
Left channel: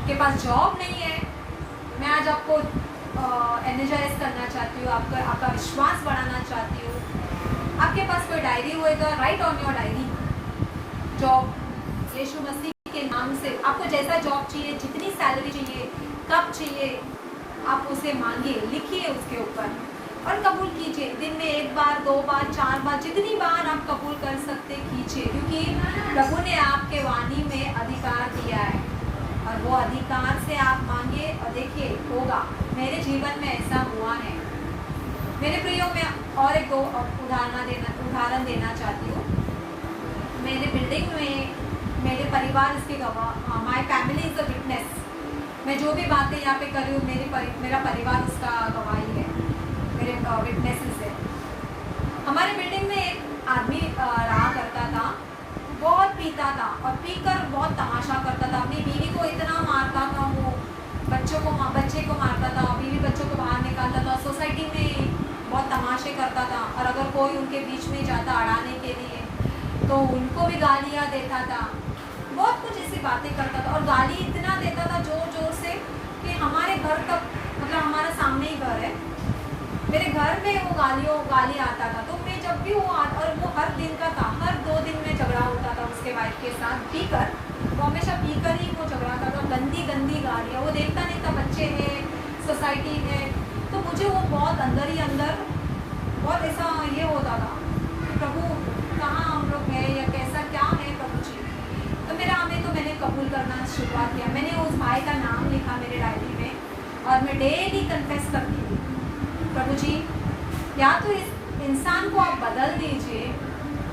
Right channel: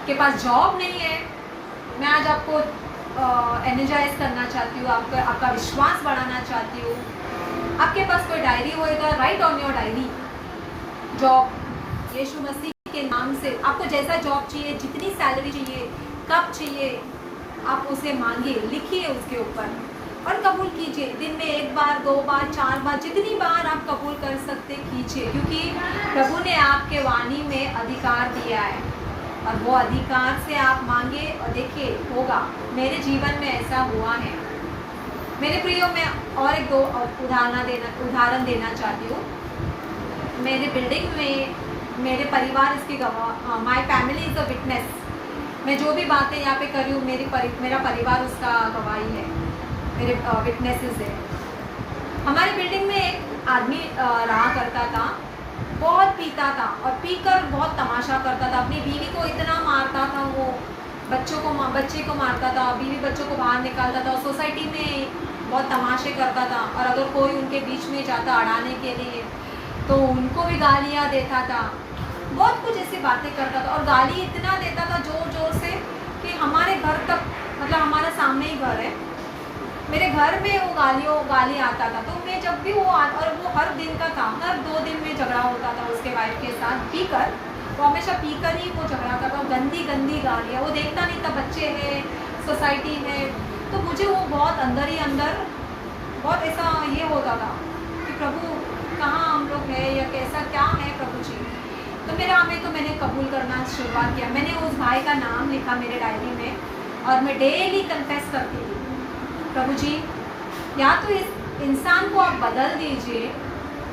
के पास जॉब नहीं है, मैं आज आपको एनर्जाइज करना चाहती हूँ, आपका विश्वास बढ़ाना चाहती हूँ। आपके पास कोई डायरी होएगा, write on your diary job. यीशु मसीह के नाम से आपको जैसा जॉब चाहिए, जितनी सैलरी चाहिए, कब चाहिए, आप उसे मांगिए, लिखिए उसके ऊपर और कबूल कीजिए। दिन में 1 बार, 2 बार, 4 बार, जितनी बार आप कबूल कर सकते कीजिए, क्योंकि प्रभु ने आपके वाणी में अधिकार दिया है और वो अधिकार से आप मांगे और देखिए होगा। मेरे जीवन में ऐसा हुआ है। मेरे प्रियो, मैं और एक 2 उदाहरण देना चाहती हूँ। मेरे बिल्डिंग में मेरे परिवार इसके गवाह, my family is a witness. मैं जो भी बातें यहाँ पे कर रही हूँ, मेरा परिवार उसका गवाही है, मेरे विटनेसेस है। हमारे बिल्डिंग में एक आदमी रहा करता था, बहुत पीता था और पीकर बहुत तमाशा करता था। अपनी बीवी को इतना मारता था, वो बच्चे को मारता था, बीवी बच्चों को बाहर निकालता था, सोसाइटी में बहुत तमाशे करता था। और अगर कोई उनके बीच में जाता अड़ाने के लिए तो उनको भी गालियाँ देता था, बहुत कुछ ऐसी बातें करता था। और गाली इतना देता था जोर जोर से कि हमारे घर तक, मतलब हमारे सामने ही घर है, मेरे घर में वो गाली आता था। तो मैं जब भी और वो हर दिन का था, हर 2 दिन में झगड़ा होता था उसके वाइफ के साथ, पीकर। वो हमेशा पीकर ही वो झगड़ा करता, गंदी गंदी गालियाँ। वो देखता नहीं था बच्चे हैं, सोसाइटी है। तो मुझे वो बहुत अंदर ही अंदर बहुत ऐसा ये होता था कि प्रभु कहाँ हम लोग हैं, या कैसा क्या है प्रभु जी। तो मैंने कबूल करना शुरुआत किया। मैंने उस भाई का नाम लिखा मेरे डायरी में और मैं डेली कन्फेस करती थी, प्रभु जी या तो इस इंसान को आप बदल दीजिए,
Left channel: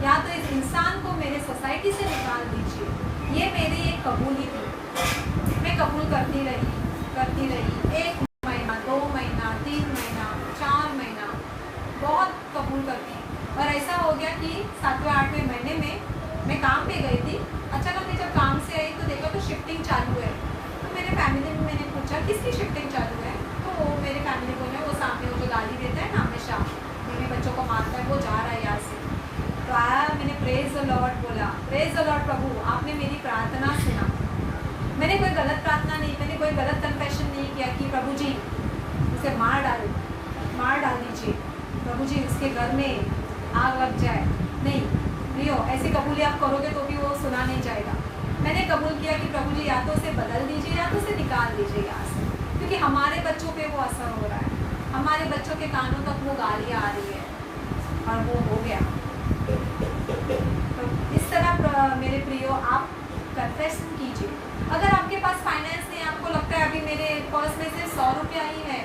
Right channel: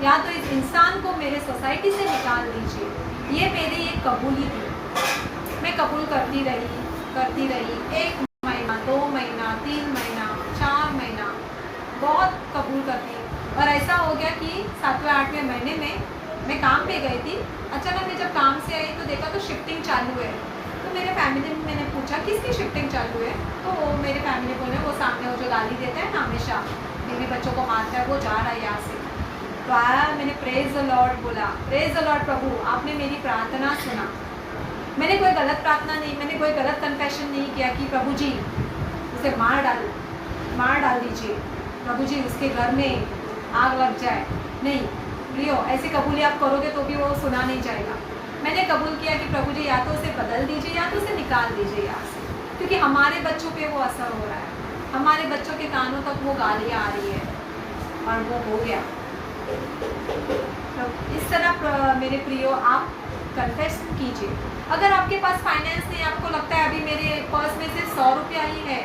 या तो इस इंसान को मेरे सोसाइटी से निकाल दीजिए। ये मेरी एक कबूली थी। मैं कबूल करती रही 1 महीना, 2 महीना, 3 महीना, 4 महीना, बहुत कबूल करती। और ऐसा हो गया कि 7वें 8वें महीने में मैं काम पे गई थी। अचानक मैं जब काम से आई तो देखा तो शिफ्टिंग चालू है। तो मेरे फैमिली में मैंने पूछा किसकी शिफ्टिंग चालू है। तो वो मेरे फैमिली बोले वो सामने वो जो गाली देता है ना, हमेशा बीवी बच्चों को मारता है, वो जा रहा है यहाँ से। तो आया, मैंने प्रेज द लॉर्ड बोला, प्रेज द लॉर्ड प्रभु, आपने मेरी प्रार्थना सुना। मैंने कोई गलत प्रार्थना नहीं, मैंने कोई गलत कन्फेशन नहीं किया कि प्रभु जी उसे मार डाल दीजिए, प्रभु जी उसके घर में आग लग जाए। नहीं प्रियो, ऐसी कबूली आप करोगे तो भी वो सुना नहीं जाएगा। मैंने कबूल किया कि प्रभु जी या तो उसे बदल दीजिए या तो उसे निकाल दीजिए यहाँ से, क्योंकि हमारे बच्चों पे वो असर हो रहा है, हमारे बच्चों के कानों तक वो गालियाँ आ रही है और वो हो गया। तो इस तरह मेरे प्रियो आप कन्फेस कीजिए। अगर आपके पास फाइनेंस नहीं, आपको लगता है अभी मेरे पर्स में सिर्फ 100 रुपया ही है,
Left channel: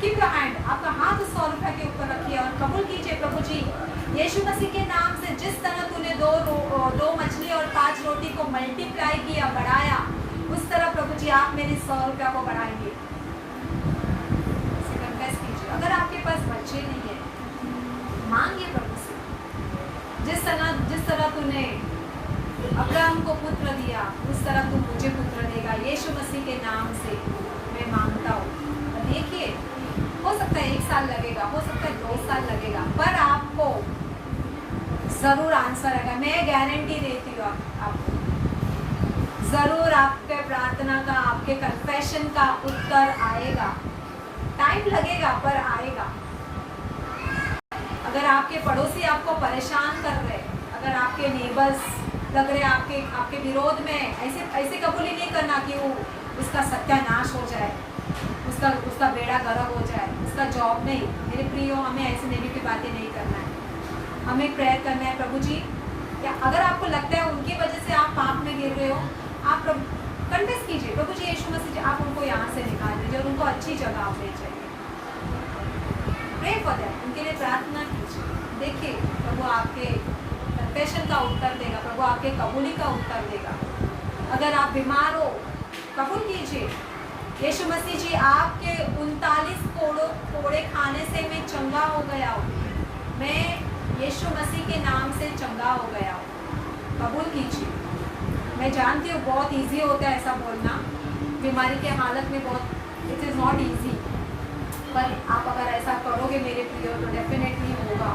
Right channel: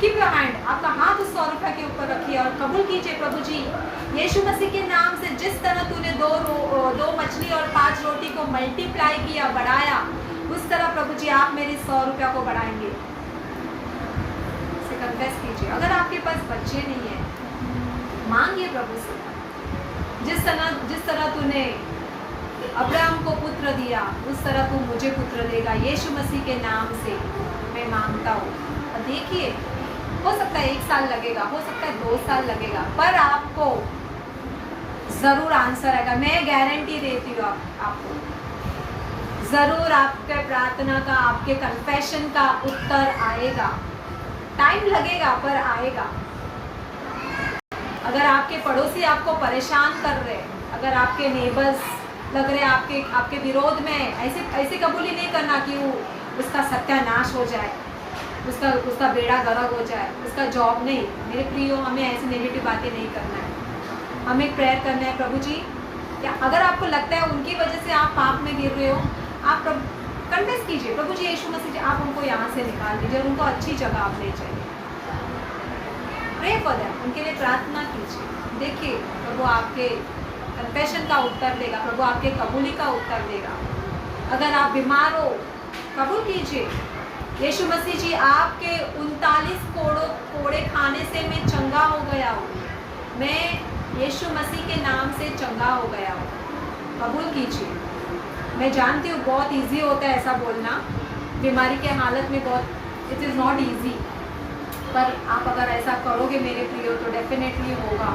कीप योर हैंड, आपका हाथ उस 100 रुपये के ऊपर रखिए और कबूल कीजिए, प्रभु जी यीशु मसीह के नाम से जिस तरह तूने 2 मछली और 5 रोटी को मल्टीप्लाई किया, बढ़ाया, उस तरह प्रभु जी आप मेरी 100 रुपया को बढ़ाएंगे। कन्फेस कीजिए। अगर आपके पास बच्चे नहीं है, मांगिए प्रभु से, जिस तरह तूने अब्राहम को पुत्र दिया उस तरह तू मुझे पुत्र देगा। यीशु मसीह के नाम से मैं मांगता हूँ। और देखिए, हो सकता है 1 साल लगेगा, हो सकता है 2 साल लगेगा, पर आपको ज़रूर आंसर आएगा। मैं गारंटी देती हूँ आपको ज़रूर आपके प्रार्थना का, आपके कन्फेशन का उत्तर आएगा। टाइम लगेगा पर आएगा। अगर आपके पड़ोसी आपको परेशान कर रहे, अगर आपके नेबर्स लग रहे आपके विरोध में, ऐसे कबूल ही नहीं करना कि वो उसका सत्यानाश हो जाए, उसका बेड़ा गर्क हो जाए, उसका जॉब नहीं। मेरे प्रियो, हमें ऐसे नेगेटिव बातें नहीं करना है। हमें प्रेयर करना है, प्रभु जी या अगर आपको लगता है उनकी वजह से आप पाप में गिर रहे हो, आप कन्फेस कीजिए, प्रभु जी यीशु मसीह जी आप उनको यहाँ से निकाल दीजिए और उनको अच्छी जगह आप ले जाइए। प्रे फॉर दैट, उनके लिए प्रार्थना कीजिए। देखिए प्रभु आपके कन्फेशन का उत्तर देगा, प्रभु आपके कबूली का उत्तर देगा। अगर आप बीमार हो, कबूल कीजिए, यीशु मसीह जी आपके 39 कोड़े खाने से मैं चंगा हो गया हूँ, मैं यीशु मसीह के नाम से चंगा हो गया हूँ। कबूल कीजिए। मैं जानती हूँ बहुत इजी होता है ऐसा बोलना, बीमारी के हालत में बहुत, इट इज़ नॉट इजी, पर आप अगर ऐसा करोगे मेरे प्रियो तो डेफिनेटली होगा।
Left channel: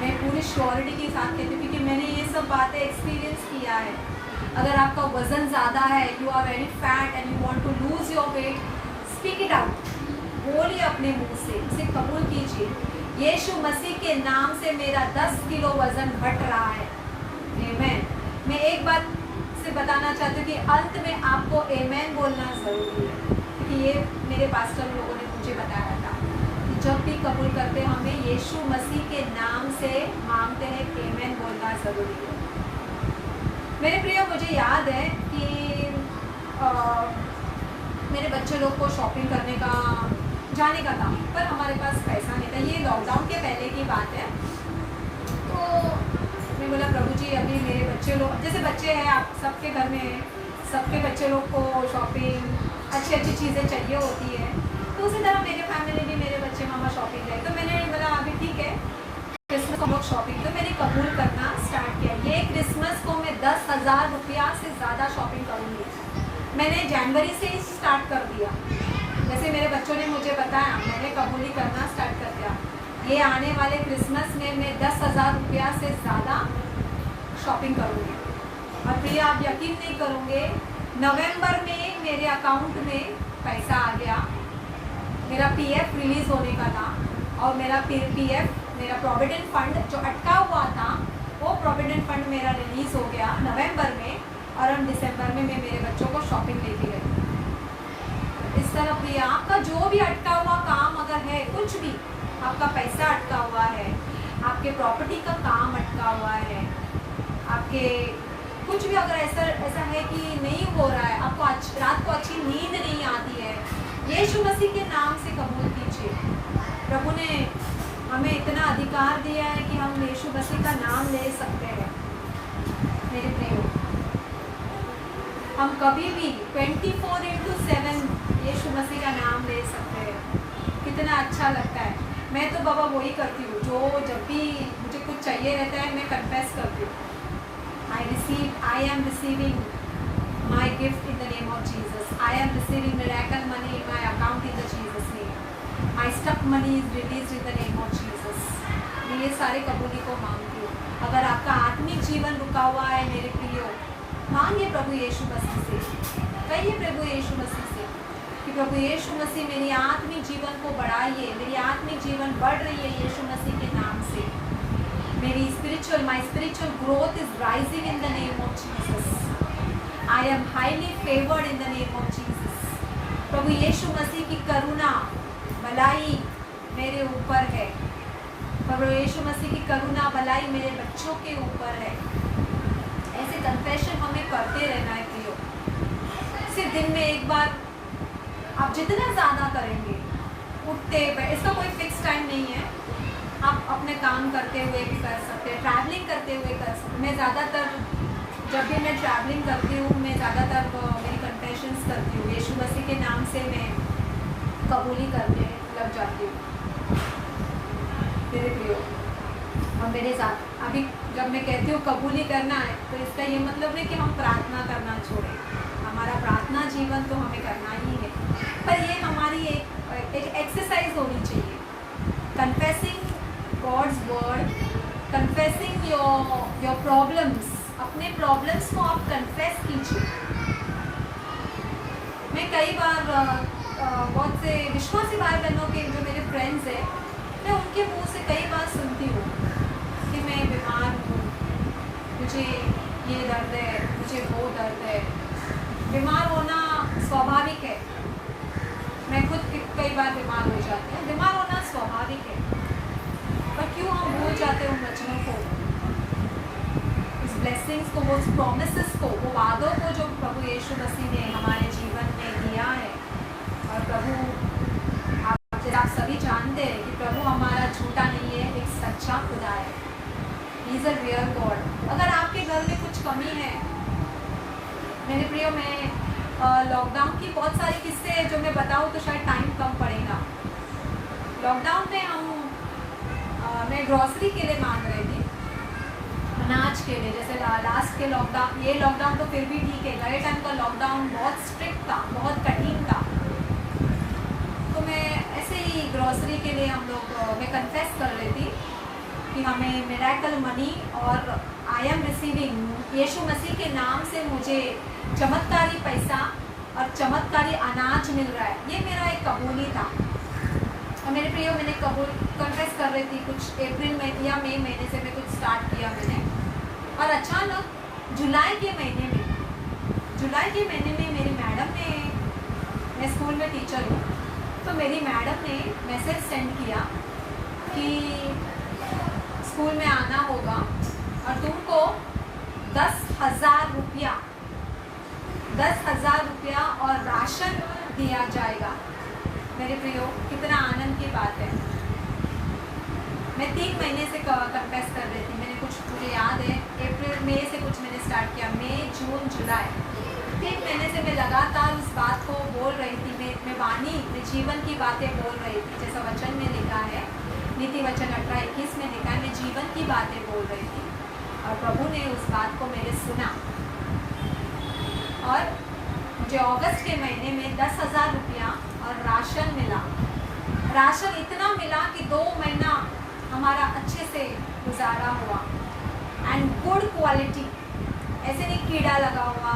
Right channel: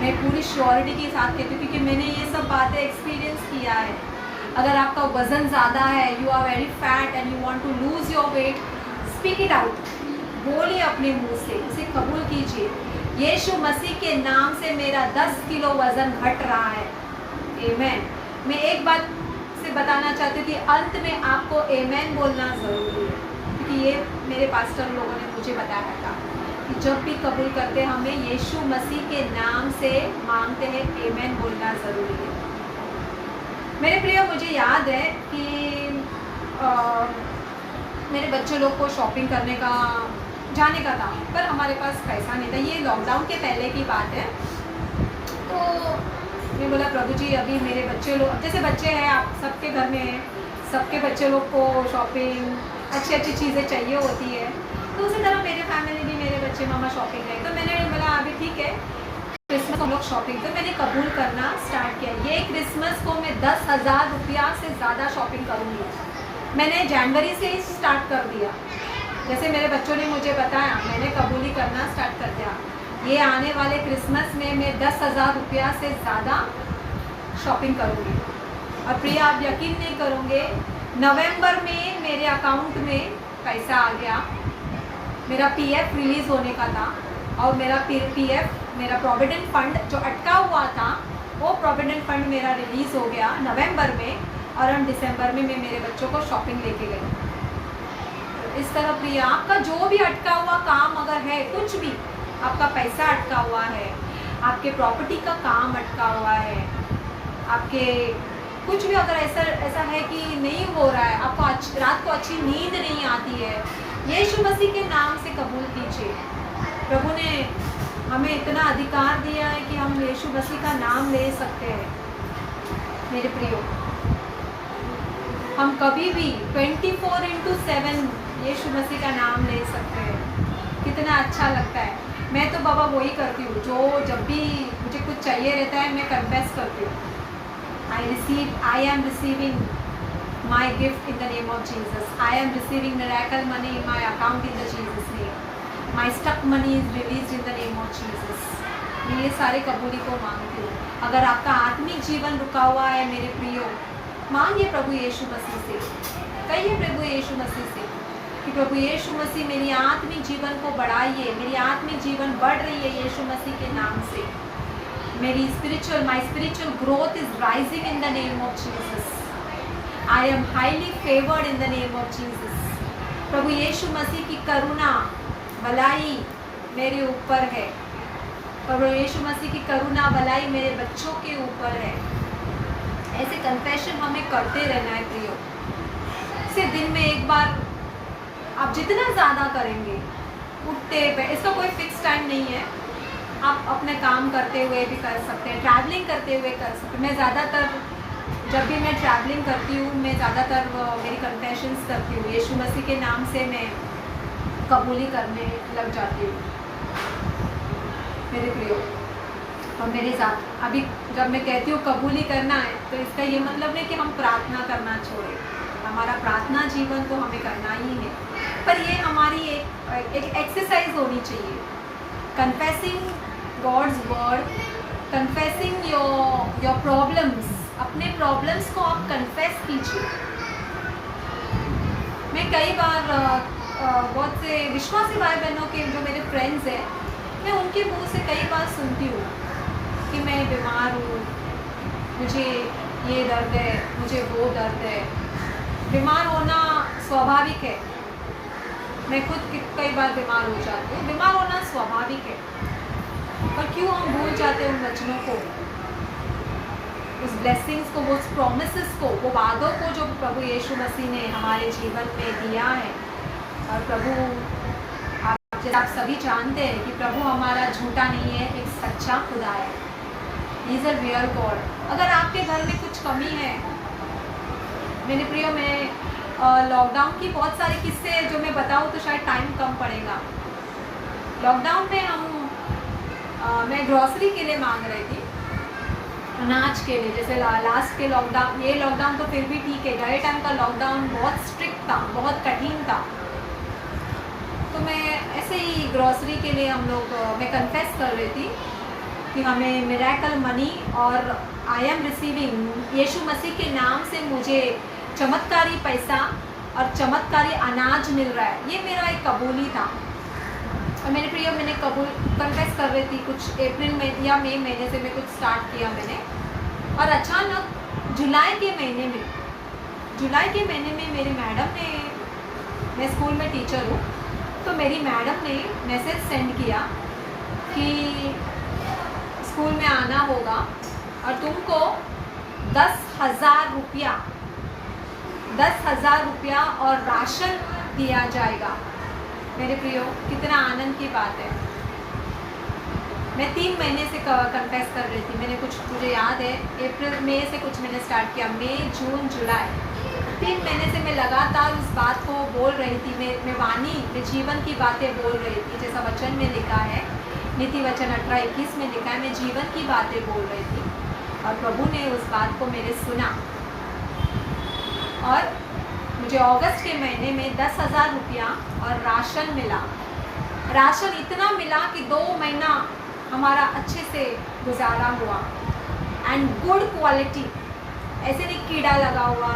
मैं पूरी श्योरिटी के साथ कहती हूँ क्योंकि मैंने ये सब बातें एक्सपीरियंस किया है। अगर आपका वज़न ज़्यादा है, you are very fat and you want to lose your weight, speak it out, बोलिए अपने मुंह से, इसे कबूल कीजिए। यीशु मसीह के नाम से मेरा 10 किलो वज़न घट रहा है। आमेन। मैं एक बात से बताना चाहती हूँ कि अंत में आपको आमेन बोलना ज़रूरी है, क्योंकि ये मेरे पास्टर लोगों ने मुझे बताया था कि जब भी कबूल करते हमें यीशु मसीह के नाम से मांगते हैं, आमेन बोलना ज़रूरी है। मेरे प्रिय, मुझे याद है कि मेरे बच्चे लोग को शॉपिंग करने का जाने का था, पर हमारे पास पैसा नहीं था। ये लॉकडाउन के पहले की बात है। तो मैं बोला प्रभु जी अभी मेरे बच्चे लोग, जैसे बच्चे हैं आप सबके घर में, सबके बच्चे लोग को शॉपिंग, अच्छी अच्छी चीज़ें चाहिए होती है। तो उसी तरह मेरे फैमिली भी, मेरे बच्चे मामा शॉपिंग गए, तो मैंने बोला अभी ठीक है क्रिसमस हम लोग शॉपिंग, तो मैंने कबूल करना स्टार्ट किया। ये क्रिसमस को मैं 10,000 रुपया से ज़्यादा शॉपिंग करूँगी। मैंने जनवरी से ही स्टार्ट कर दिया, जैसे मेरे बच्चों ने मुझे बताया, मैंने कबूली करना स्टार्ट कर दिया। ये आने वाले क्रिसमस में मैं 10,000 रुपया से ज़्यादा शॉपिंग करूँगी। और प्रिया आप यकीन नहीं करोगे, नवंबर में मेरे अकाउंट में पैसा आ गया। मेरा पीएफ रिलीज़ होने का था और मेरा पीएफ, मेरा प्रोविडेंट फंड जो अटका हुआ था, वो प्रोविडेंट फंड मेरा रिलीज़ हो गया नवंबर में, और हम दिसंबर में मैं मेरे बच्चों को शॉपिंग लेके गई। तो इस तरह प्रिया आपका जो भी अटका हुआ काम अगर है, कुछ भी आपका पैसा अटका हुआ है, आपके प्रॉपर्टी का काम अटका हुआ है, आपके कुछ भी अगर ऐसा है कि नहीं हो रहा है, आपको रात को अच्छी नींद नहीं आती है, यीशु मसीह के नाम से कबूल कीजिए। प्रभु ने हमें इतना अधिकार दिया है कि हम यीशु मसीह का नाम ले सकते हैं। मेरे प्रियो, हम कभी भी 24/7 यीशु मसीह का नाम ले सकते हैं। कितना अच्छा लगता है। मैं तो बाबा वही करती हूँ, जो जब भी मुझे कुछ चाहिए रहता है मैं कन्फेस करती हूँ, I am receiving my gift in the name of Jesus. I am receiving miracle money in my account in the Jesus name. My stuck money is released in the name of Jesus. मैं ये सारे कबूली को मांगती हूँ। अगर आपका आत्मिक जीवन रुका हुआ है मेरे प्रियो, मांगिए प्रभु यीशु मसीह से, कहिए प्रभु यीशु मसीह से कि प्रभु यीशु मसीह मेरी आत्मिक जीवन को बढ़ाइए, मेरी आत्मिक जीवन बढ़ रही है यीशु मसीह के नाम से। मेरी my spiritual growth is rising in the name of Jesus. I am highly favored in the name of Jesus. प्रभु यीशु मसीह की करुणा, भलाई मेरे ऊपर है। प्रभु यीशु मसीह की करुणा, भलाई मेरे बच्चों के ऊपर है। ऐसे कन्फेशन हमें करते रहना है प्रियो। सिर्फ दिन में एक बार आप जितना ज़्यादा करेंगे, उठते, इसका कोई फिक्स टाइम नहीं है। आप अपने काम करते हुए भी कर सकते हैं, ट्रैवलिंग करते हुए कर सकते हैं। मैं ज़्यादातर जब भी मैं ट्रैवलिंग करती हूँ, मैं ज़्यादातर मेरी कन्फेशंस करती हूँ, यीशु मसीह के नाम से मैं कबूली करने लग जाती हूँ मेरे प्रियो। और मेरे साथ अभी जब मैं कहती हूँ कबूली करना है, तो इसका ये मतलब नहीं कि हम प्रार्थना करना छोड़ें। हमारा प्रार्थना जीवन तो हमें करना ही है, पर ये हमारी एक एक्सरसाइज होनी चाहिए। Confessing God's word confessing your problems, अपने प्रॉब्लम्स को आप कन्फेस कीजिए। मैं कई बार बहुत से विश्वासी भाई बहनों के जो मेरे फ्रेंड्स हैं, मैं उनके मुंह से कई बार सुनती हूँ कि मैं बीमार हूँ, मुझे ये दर्द है, मुझे वो दर्द है। बीमार होना स्वाभाविक है, मैं खुद कई बार बीमार हो जाती हूँ, बीमार होना स्वाभाविक है। पर क्यों हम भूल जाते हैं उन वचनों को, उस ब्लेसिंग्स को, उस प्रोमिसेस को, वो वादों को जो प्रभु यीशु मसीह ने हमारे जीवन में दिया है। और प्रभु, आप सभी जानते हैं कि प्रभु हमारा झूठा नहीं है, एक सच्चा खुदा है। He is a real God. अगर आपके घर में कुछ कमी है, मेरे प्रियो, मैं लॉकडाउन की बहुत सारी किस्से जो मैं बताऊँ तो शायद टाइम कम पड़ेगा। लॉकडाउन में मैं ग्रॉसरी के लिए मांग रही थी, अनाज के लिए। जैसे लास्ट के लॉकडाउन, ये लॉकडाउन तो फिर भी ठीक है, नए टाइम का लॉकडाउन बहुत स्ट्रिक्ट था, बहुत कठिन था। तो मैं ऐसे ही ग्रॉसरी के लिए मैं कन्फेस कर रही थी कि हमें मिरेकल मनी और आई एम रिसीविंग, यीशु मसीह के नाम से मुझे चमत्कारी पैसा और चमत्कारी अनाज मिल रहा है। ये मेरा एक कबूली था। और मेरे प्रियो, मैंने कन्फेस कर रही थी, कुछ अप्रैल में या मई महीने से मैं कुछ स्टार्ट किया मैंने। और अचानक जुलाई के महीने में मेरी मैडम ने, मैं स्कूल में टीचर हूँ, तो मेरी मैडम ने मैसेज सेंड किया कि स्कूल में आना होगा और तुमको 10,000 रुपया और राशन दिया जाएगा। मेरे प्रियो, कितना आनंद की बात है। मैं 3 महीने से कन्फेस कर रही थी। मुझे याद है अप्रैल मई से कुछ मैंने स्टार्ट किया, मई जून जुलाई 3 महीने से मैं लगातार उस बात को बोल रही थी। मैं वाणी, मैं जीवन की बातें बोल रही थी, जैसा वचन में लिखा है, नीति वचन 18:21 में लिखा है, मैं जीवन की बातें बोल रही थी। और प्रभु ने उस बात को मेरे सुना और मुझे अगस्त के महीने में 10,000 रुपया और राशन मिला। राशन इतना मिला कि 2 महीना हमारा अच्छे से गुजारा हुआ। एंड गुड क्वालिटी, ऐसे नहीं कीड़ा लगा हुआ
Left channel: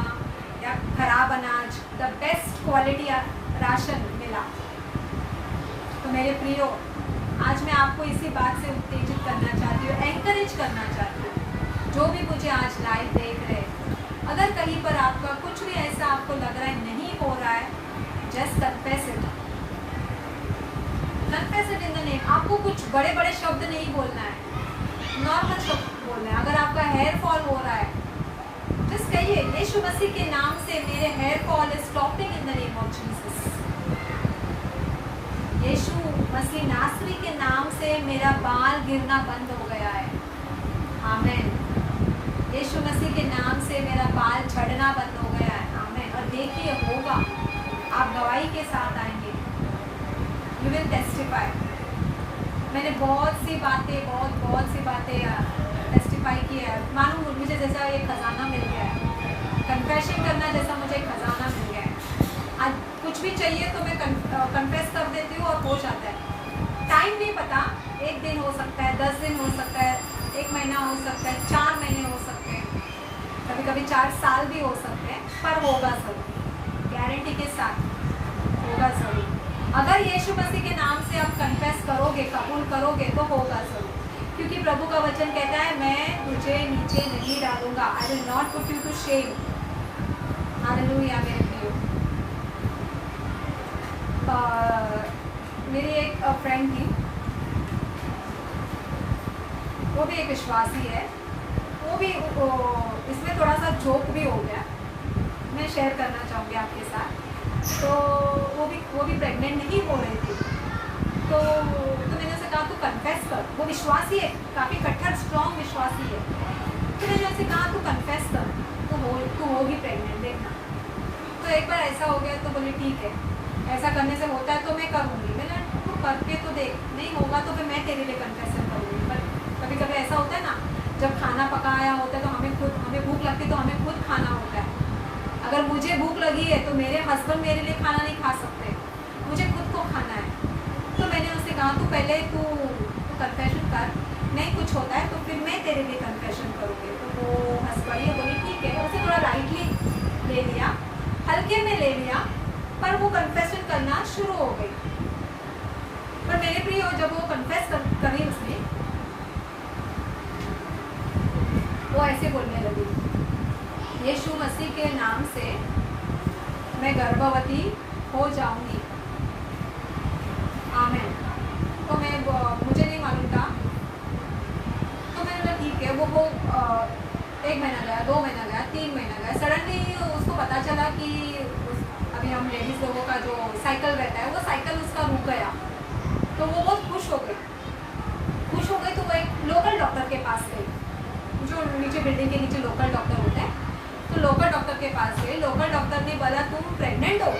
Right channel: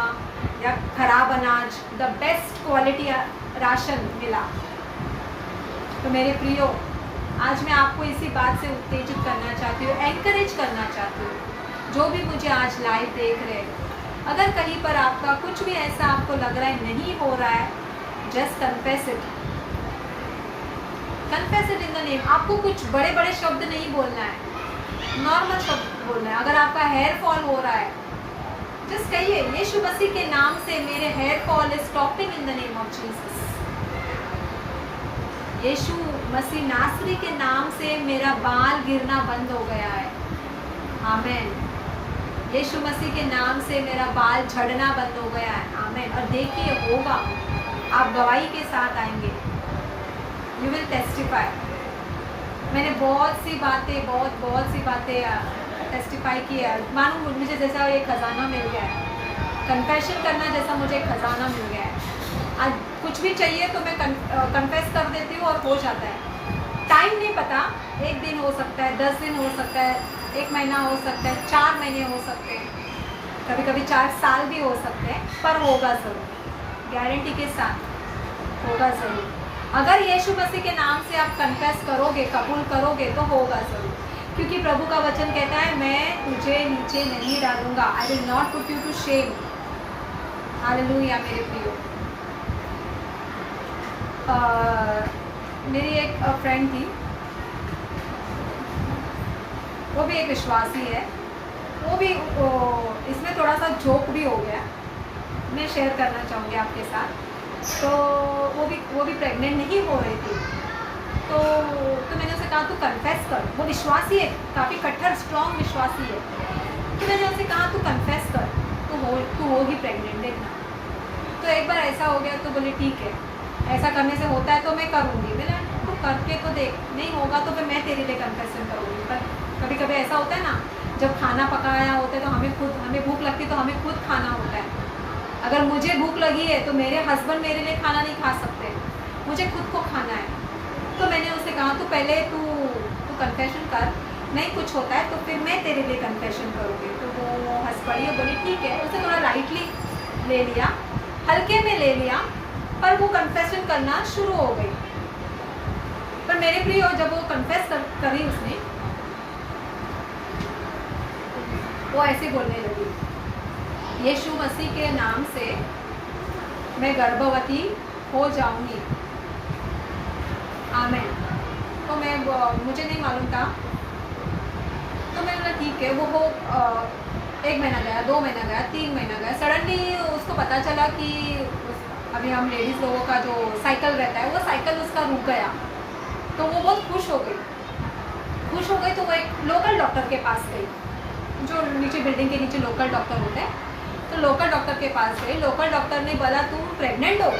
या खराब अनाज, द बेस्ट क्वालिटी राशन मिला। तो मेरे प्रियो, आज मैं आपको इसी बात से उत्तेजित करना चाहती हूँ, एनकरेज करना चाहती हूँ। जो भी मुझे आज लाइव देख रहे, अगर कहीं पर आपका कुछ भी ऐसा आपको लग रहा है नहीं हो रहा है, just confess it in the name. आपको कुछ बड़े बड़े शब्द नहीं बोलना है, नॉर्मल शब्द बोलना है। अगर आपका हेयर फॉल हो रहा है, जस्ट कहिए, यीशु मसीह के नाम से मेरे hair fall is stopping in the name of Jesus. यीशु मसीह नासरी के नाम से मेरा बाल गिरना बंद हो गया है। आमेन। यीशु मसीह के नाम से मेरा बाल झड़ना बंद हो गया है। आमेन। और देखिए, होगा, आप गवाही के साथ आएंगे, यू विल टेस्टिफाई। मैंने बहुत सी बातें टेस्टिफाई की है। मानो मुझे जैसा एक खजाना मिल गया है, कन्फेशन करना जैसा मुझे एक खजाना मिल गया है। आज कुछ भी चाहिए तो मैं कन्फेस कर देती हूँ और हो जाता है। टाइम नहीं पता, 1 दिन हो सकता है, 10 दिन हो सकता है, 1 महीना हो सकता है, 4 महीने हो सकते हैं, कभी कभी 4 साल भी हो सकते हैं, पर होगा ज़रूर, गारंटी के साथ होगा ज़रूर। अगर यीशु मसीह के नाम से आप कन्फेस करोगे, कबूल करोगे, तो होगा ज़रूर। क्योंकि प्रभु का वचन कहता है, मैं तुझे नीचे नहीं डालूंगा, I will not put you to shame. Hallelujah. मेरे प्रियो, मेरी एक फ्रेंड थी, वो भी एक विश्वासी है, वो भी इसमें थोड़ा सा जोक भी हो गया, मैं शेयर करना चाहूँगी आपके साथ। तो वो भी प्रेग्नेंट नहीं हो रही थी, तो मैंने उसे कहा तू कन्फेस कर। वो विश्वासी है, काफ़ी कट्टर स्ट्रॉन्ग विश्वासी है। तो मैंने उसे कहा तू कन्फेस कर, तू होगी प्रेग्नेंट, देखना। तो एक बार ऐसा हो गया तो बोले ठीक है, ऐसा करने से होता है तो मैं करूँगी। मैंने तो करके तो देख, नहीं होगा तो फिर मैं तेरे लिए कन्फेशन करूँगी। पर कभी कभी ऐसा होता है ना, जब खाना पकाया होता है तो हमें भूख लगती है तो हमें खुद खाना होता है। अगर मुझे भूख लगी है तो मेरे हस्बैंड मेरे लिए खाना नहीं खा सकते, मुझे खुद को खाना है। तो मैंने उससे कहा तू पहले तू कन्फेशन कर, नहीं कुछ होता है तो फिर मैं तेरे लिए कन्फेशन करूँगी। तो वो हंस पड़ी और बोली ठीक है। उसे थोड़ा लाइटली ले लिया, हल्के में ले लिया, पर वो कन्फेशन करना शुरू हो गई। पर मेरे प्रिय जब वो कन्फेस करी उसने, वो ऐसे बोलने लगी, यीशु मसीह के नाम से मैं गर्भवती हो जाऊंगी, आमेन। तो मुझे नहीं मालूम था, तो मैंने बोला ठीक है। वो 1 महीना गया, 2 महीना गया, 3 महीना गया। सडनली उसको पता चला कि अभी हम लेडीज़ लोगों का जो साइकिल रहता है वो साइकिल उसका रुक गया। तो वो बहुत खुश हो गई। तो वो एक लोकल डॉक्टर के पास गई, जो नीचे बिल्डिंग के नीचे लोकल डॉक्टर होते हैं। तो लोकल डॉक्टर के पास गई। लोकल डॉक्टर ने बोला तुम प्रेग्नेंट हो।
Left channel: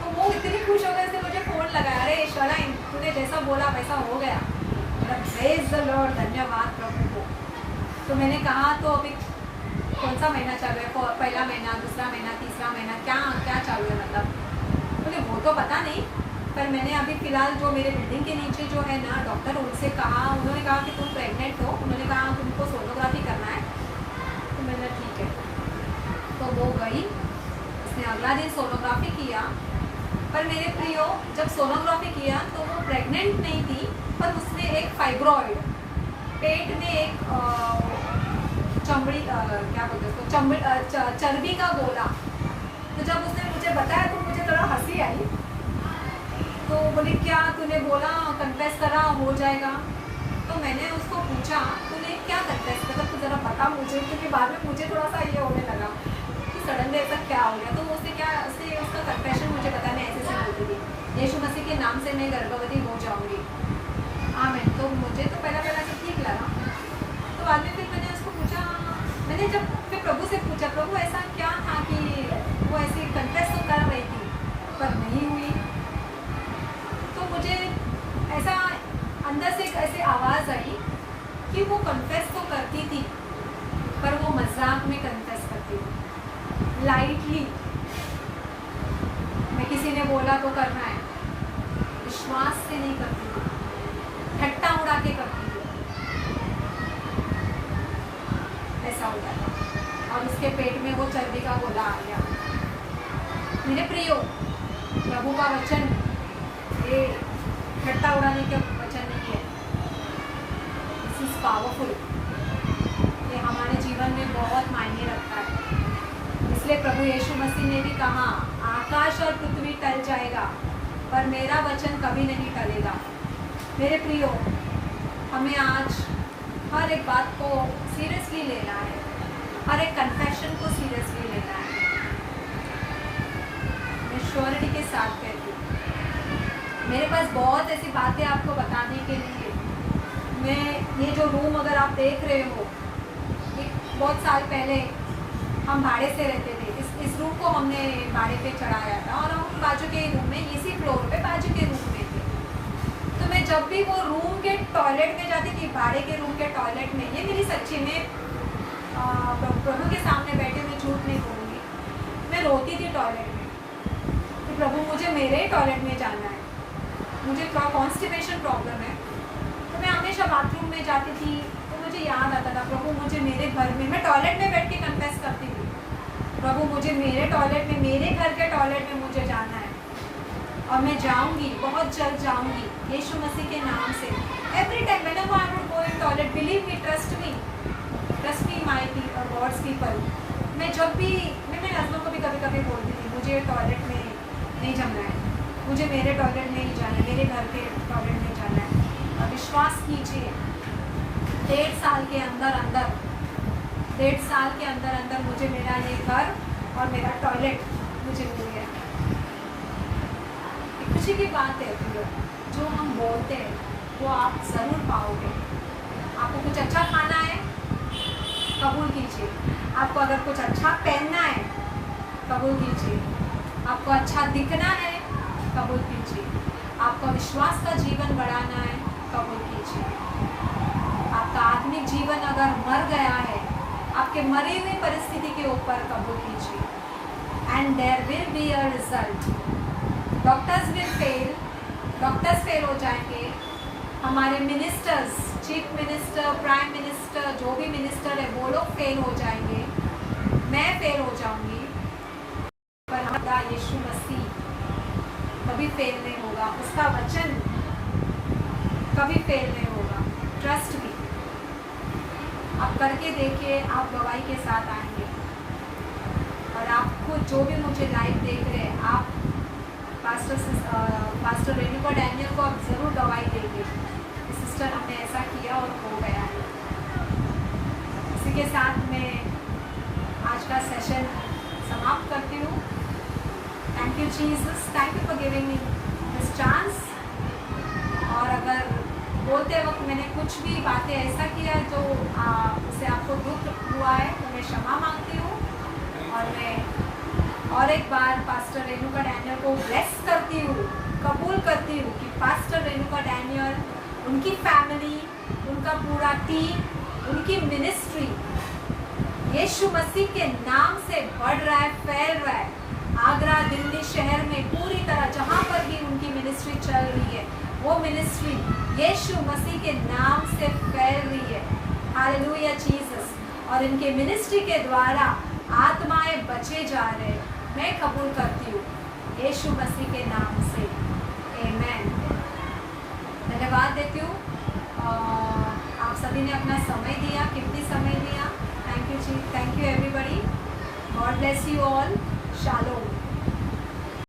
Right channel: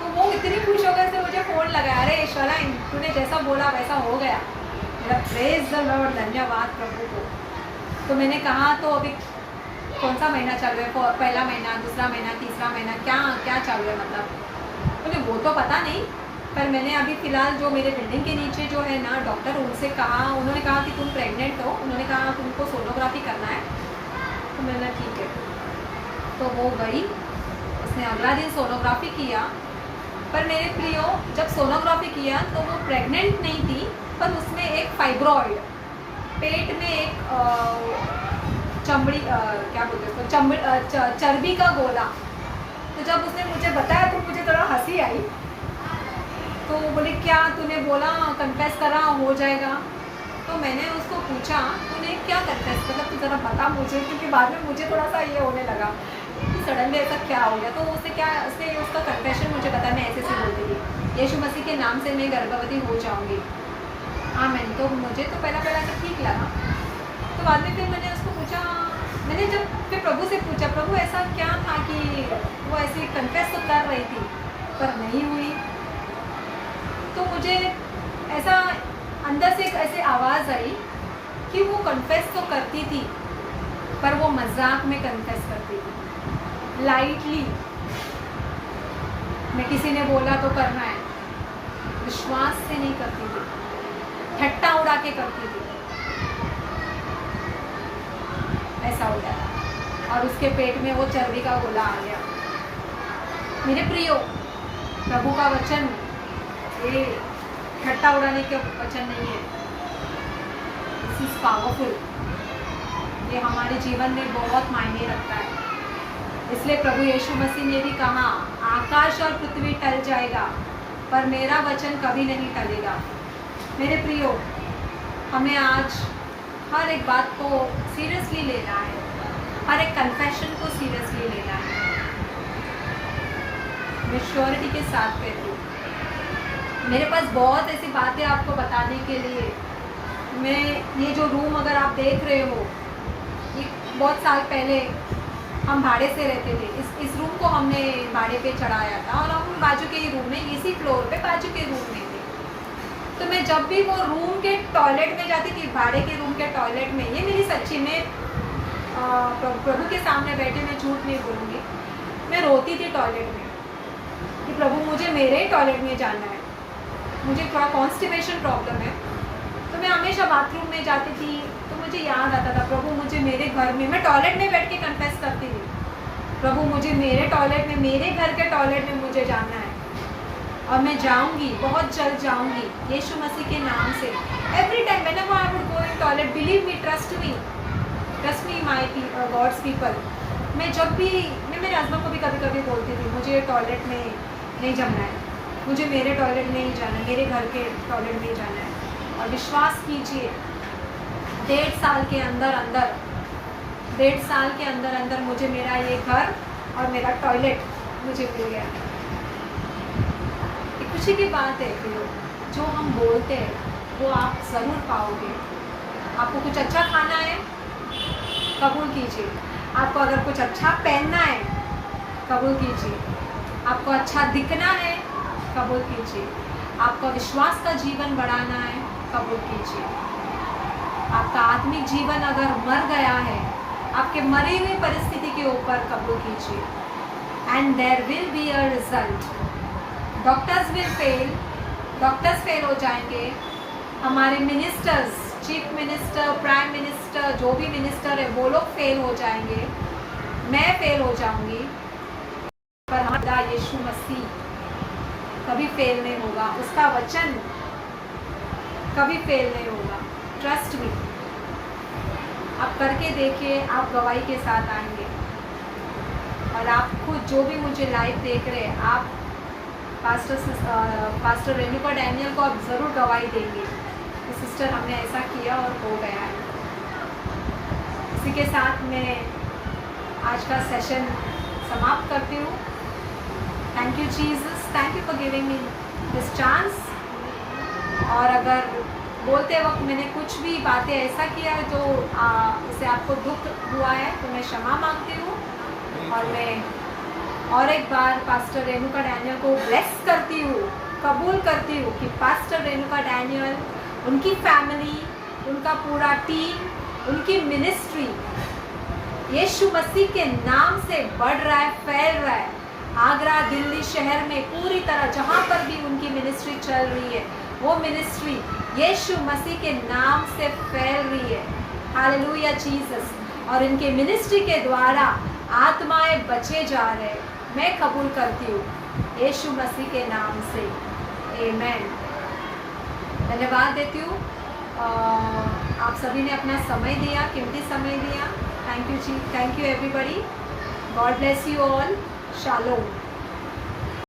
तो वो इतनी खुश हो गए थे, मुझे फ़ोन लगाया, अरे शराइन तूने जैसा बोला वैसा हो गया। मेरा प्रेज द लॉर्ड, धन्यवाद प्रभु को। तो मैंने कहा तो अभी कौन सा महीना चल रहा है, पहला महीना, दूसरा महीना, तीसरा महीना, क्या चल रहा है मतलब? मुझे वो तो पता नहीं, पर मैंने अभी फ़िलहाल जो मेरे बिल्डिंग के नीचे जो है ना डॉक्टर, उनसे कहा, उन्होंने कहा कि तुम प्रेग्नेंट हो। उन्होंने कहा तुमको सोनोग्राफी करना है। तो मैंने ठीक है। तो वो गई, उसने अगला दिन सोनोग्राफी किया। पर मेरे प्रियो जब सोनोग्राफी किया तो वो प्रेग्नेंट नहीं थी, पर उसमें एक फाइब्रॉइड, पेट में एक चमड़ी क्या बोलते हैं उसको, चर्बी का गोला। तो जब उसने मुझे बताया तो मुझे थोड़ा हंसी आई। तो बोली क्या तूने बोला, कन्फेस करा हो जाएगा? तो मैंने उसको पूछा तूने क्या कन्फेस, मतलब तू ज़रा बता मुझे, क्योंकि बाद में मुझे थोड़ा सा ये होने लगा कि सडनली ऐसा क्या हो गया। तो उसने उसका कन्फेशन मुझे पता, मैं ऐसे बोलती थी, यीशु मसीह के नाम से मैं गर्भवती हो जाऊँगी, आमीन। तो मुझे तो पहला सब ठीक लगा। तो बाद में फिर मैंने उसको पूछा, मैंने जब फिर प्रभु से पूछा, प्रभु ऐसा क्या था कि वो ऐसी कन्फेस तो कर रही थी पर नहीं हुई? तो मुझे ऐसा अंदर से एक ऐसी आवाज़ आई कि वो कन्फेस तो करती थी, पर वो मजाक में कन्फेस करती थी, लाइटली। मैं किसी ने बोला तो करना है, विश्वास से नहीं करती थी, ठट्टा उड़ा के करती थी, ऐसा हो गया। और उसके पेट में वो चर्बी का गोला आ गया। मेरे प्रियो, प्रभु का वचन ये ठट्टा उड़ाने के वचन नहीं है, दिस इज पावरफुल। ये हमारे जीवन में बहुत मायने रखता है। इसलिए प्रभु यीशु मसीह ने भी कहा, आकाश और पृथ्वी टल जाएगा पर मेरा वचन कभी नहीं टलेगा। मेरे प्रियो, हमें आज हर एक बात को सीरियसली लेना है, हर एक कन्फेशन को सीरियसली लेना है। मैं श्योरिटी के साथ कहती हूँ, मेरे पास बहुत ऐसी बातें आपको बताने के लिए। मैं ये जो रूम अगर आप देख रहे हो, ये बहुत साल पहले हम भाड़े से रहते थे। इस रूम को हमने भाड़े पे चढ़ाया था और हम बाजू के रूम में, इसी फ्लोर पे बाजू के रूम में थे। तो मैं जब भी वो रूम के टॉयलेट में जाती थी, भाड़े के रूम के टॉयलेट में, ये मेरी सच्ची में प्रभु के सामने बैठे, मैं झूठ नहीं बोलूँगी, मैं रोती थी टॉयलेट में कि प्रभु मुझे मेरे ही टॉयलेट में जाना है, मुझे थोड़ा कॉन्स्टिपेशन प्रॉब्लम है। तो मैं हमेशा बाथरूम में जाती थी। तो मुझे याद आता था, प्रभु मुझे मेरे घर में, मैं टॉयलेट में बैठ के कन्फेस करती थी, प्रभु मुझे मेरे टॉयलेट में, मेरे घर के टॉयलेट में मुझे जाना है और मैं जाऊंगी, बहुत जल्द जाऊंगी यीशु मसीह के नाम से। Every time whenever I would go in toilet, believe me, trust me my God's people. मैं जब भी, मैं मेरे हस्बैंड को भी कभी कभी बोलती थी, मुझे टॉयलेट में नहीं जमना है, मुझे मेरे टॉयलेट में नहीं जाना है, मेरे घर के टॉयलेट में जाना है। और विश्वास कीजिए, 1.5 साल के अंदर अंदर मुझे मेरा ये घर और मेरा टॉयलेट मुझे मिल गया। एक खुशी की बात है कि जो हम बोलते हैं वो आप ज़रूर पाओगे। आपको कुछ अच्छा खाना है, कबूल कीजिए। आपको अगर कुछ अच्छा पहनना है, कबूल कीजिए। आपको अच्छा दिखना है, कबूल कीजिए। आपका विश्वास का जीवन बढ़ाना है, कबूल कीजिए। आपका आत्मिक जीवन अगर मर गया है, आपके मरे हुए परिस्थिति के ऊपर कबूल कीजिए। And there will be a result. Doctors fail हो जाएंगे, हमारे ministers chief minister, prime minister, जो भी मिनिस्टर है वो लोग फेल हो जाएंगे, मैं फेल हो जाऊंगी, पर हमारा यीशु मसीह कभी फेल नहीं होगा, उसका वचन कभी फेल नहीं होगा। ट्रस्ट मी, आप करके देखिए, आप गवाही के साथ आएंगे। और आप खुद जो भी मुझे लाइव देख रहे हैं, आप पास्टर रेणुका डैनियल को आप ज़रूर गवाही देंगे कि सिस्टर हमने ऐसा किया और हो गया है। इसी के साथ मैं आज का सेशन समाप्त करती हूँ। Thank you Jesus, thank you for giving me this chance. और अगर बोलते वक्त मैंने कुछ भी बातें ऐसा किया जो इससे आपको दुख हुआ है तो मैं क्षमा मांगती हूँ। और मैं और एक बार पास्टर रेणुका डैनियल को ब्लेस करती हूँ, कबूल करती हूँ कि पास्टर रेणुका डैनियल, उनकी फैमिली, उनका पूरा टीम, उनकी मिनिस्ट्री यीशु मसीह के नाम से बढ़ रहा है, फैल रहा है। आगरा, दिल्ली शहर में पूरी तरह जहाँ पर भी उनकी मिनिस्ट्री चल रही है, वो मिनिस्ट्री यीशु मसीह के नाम से फैल रही है। Hallelujah Jesus. और इनके मिनिस्ट्री के द्वारा आत्माएं बचे जा रहे हैं, मैं कबूल करती हूँ यीशु मसीह के नाम से, आमेन। धन्यवाद देती हूँ, आप सभी ने अपना समय दिया, कीमती समय दिया। थैंक यू जी, thank you everybody. God bless you all. Shalom.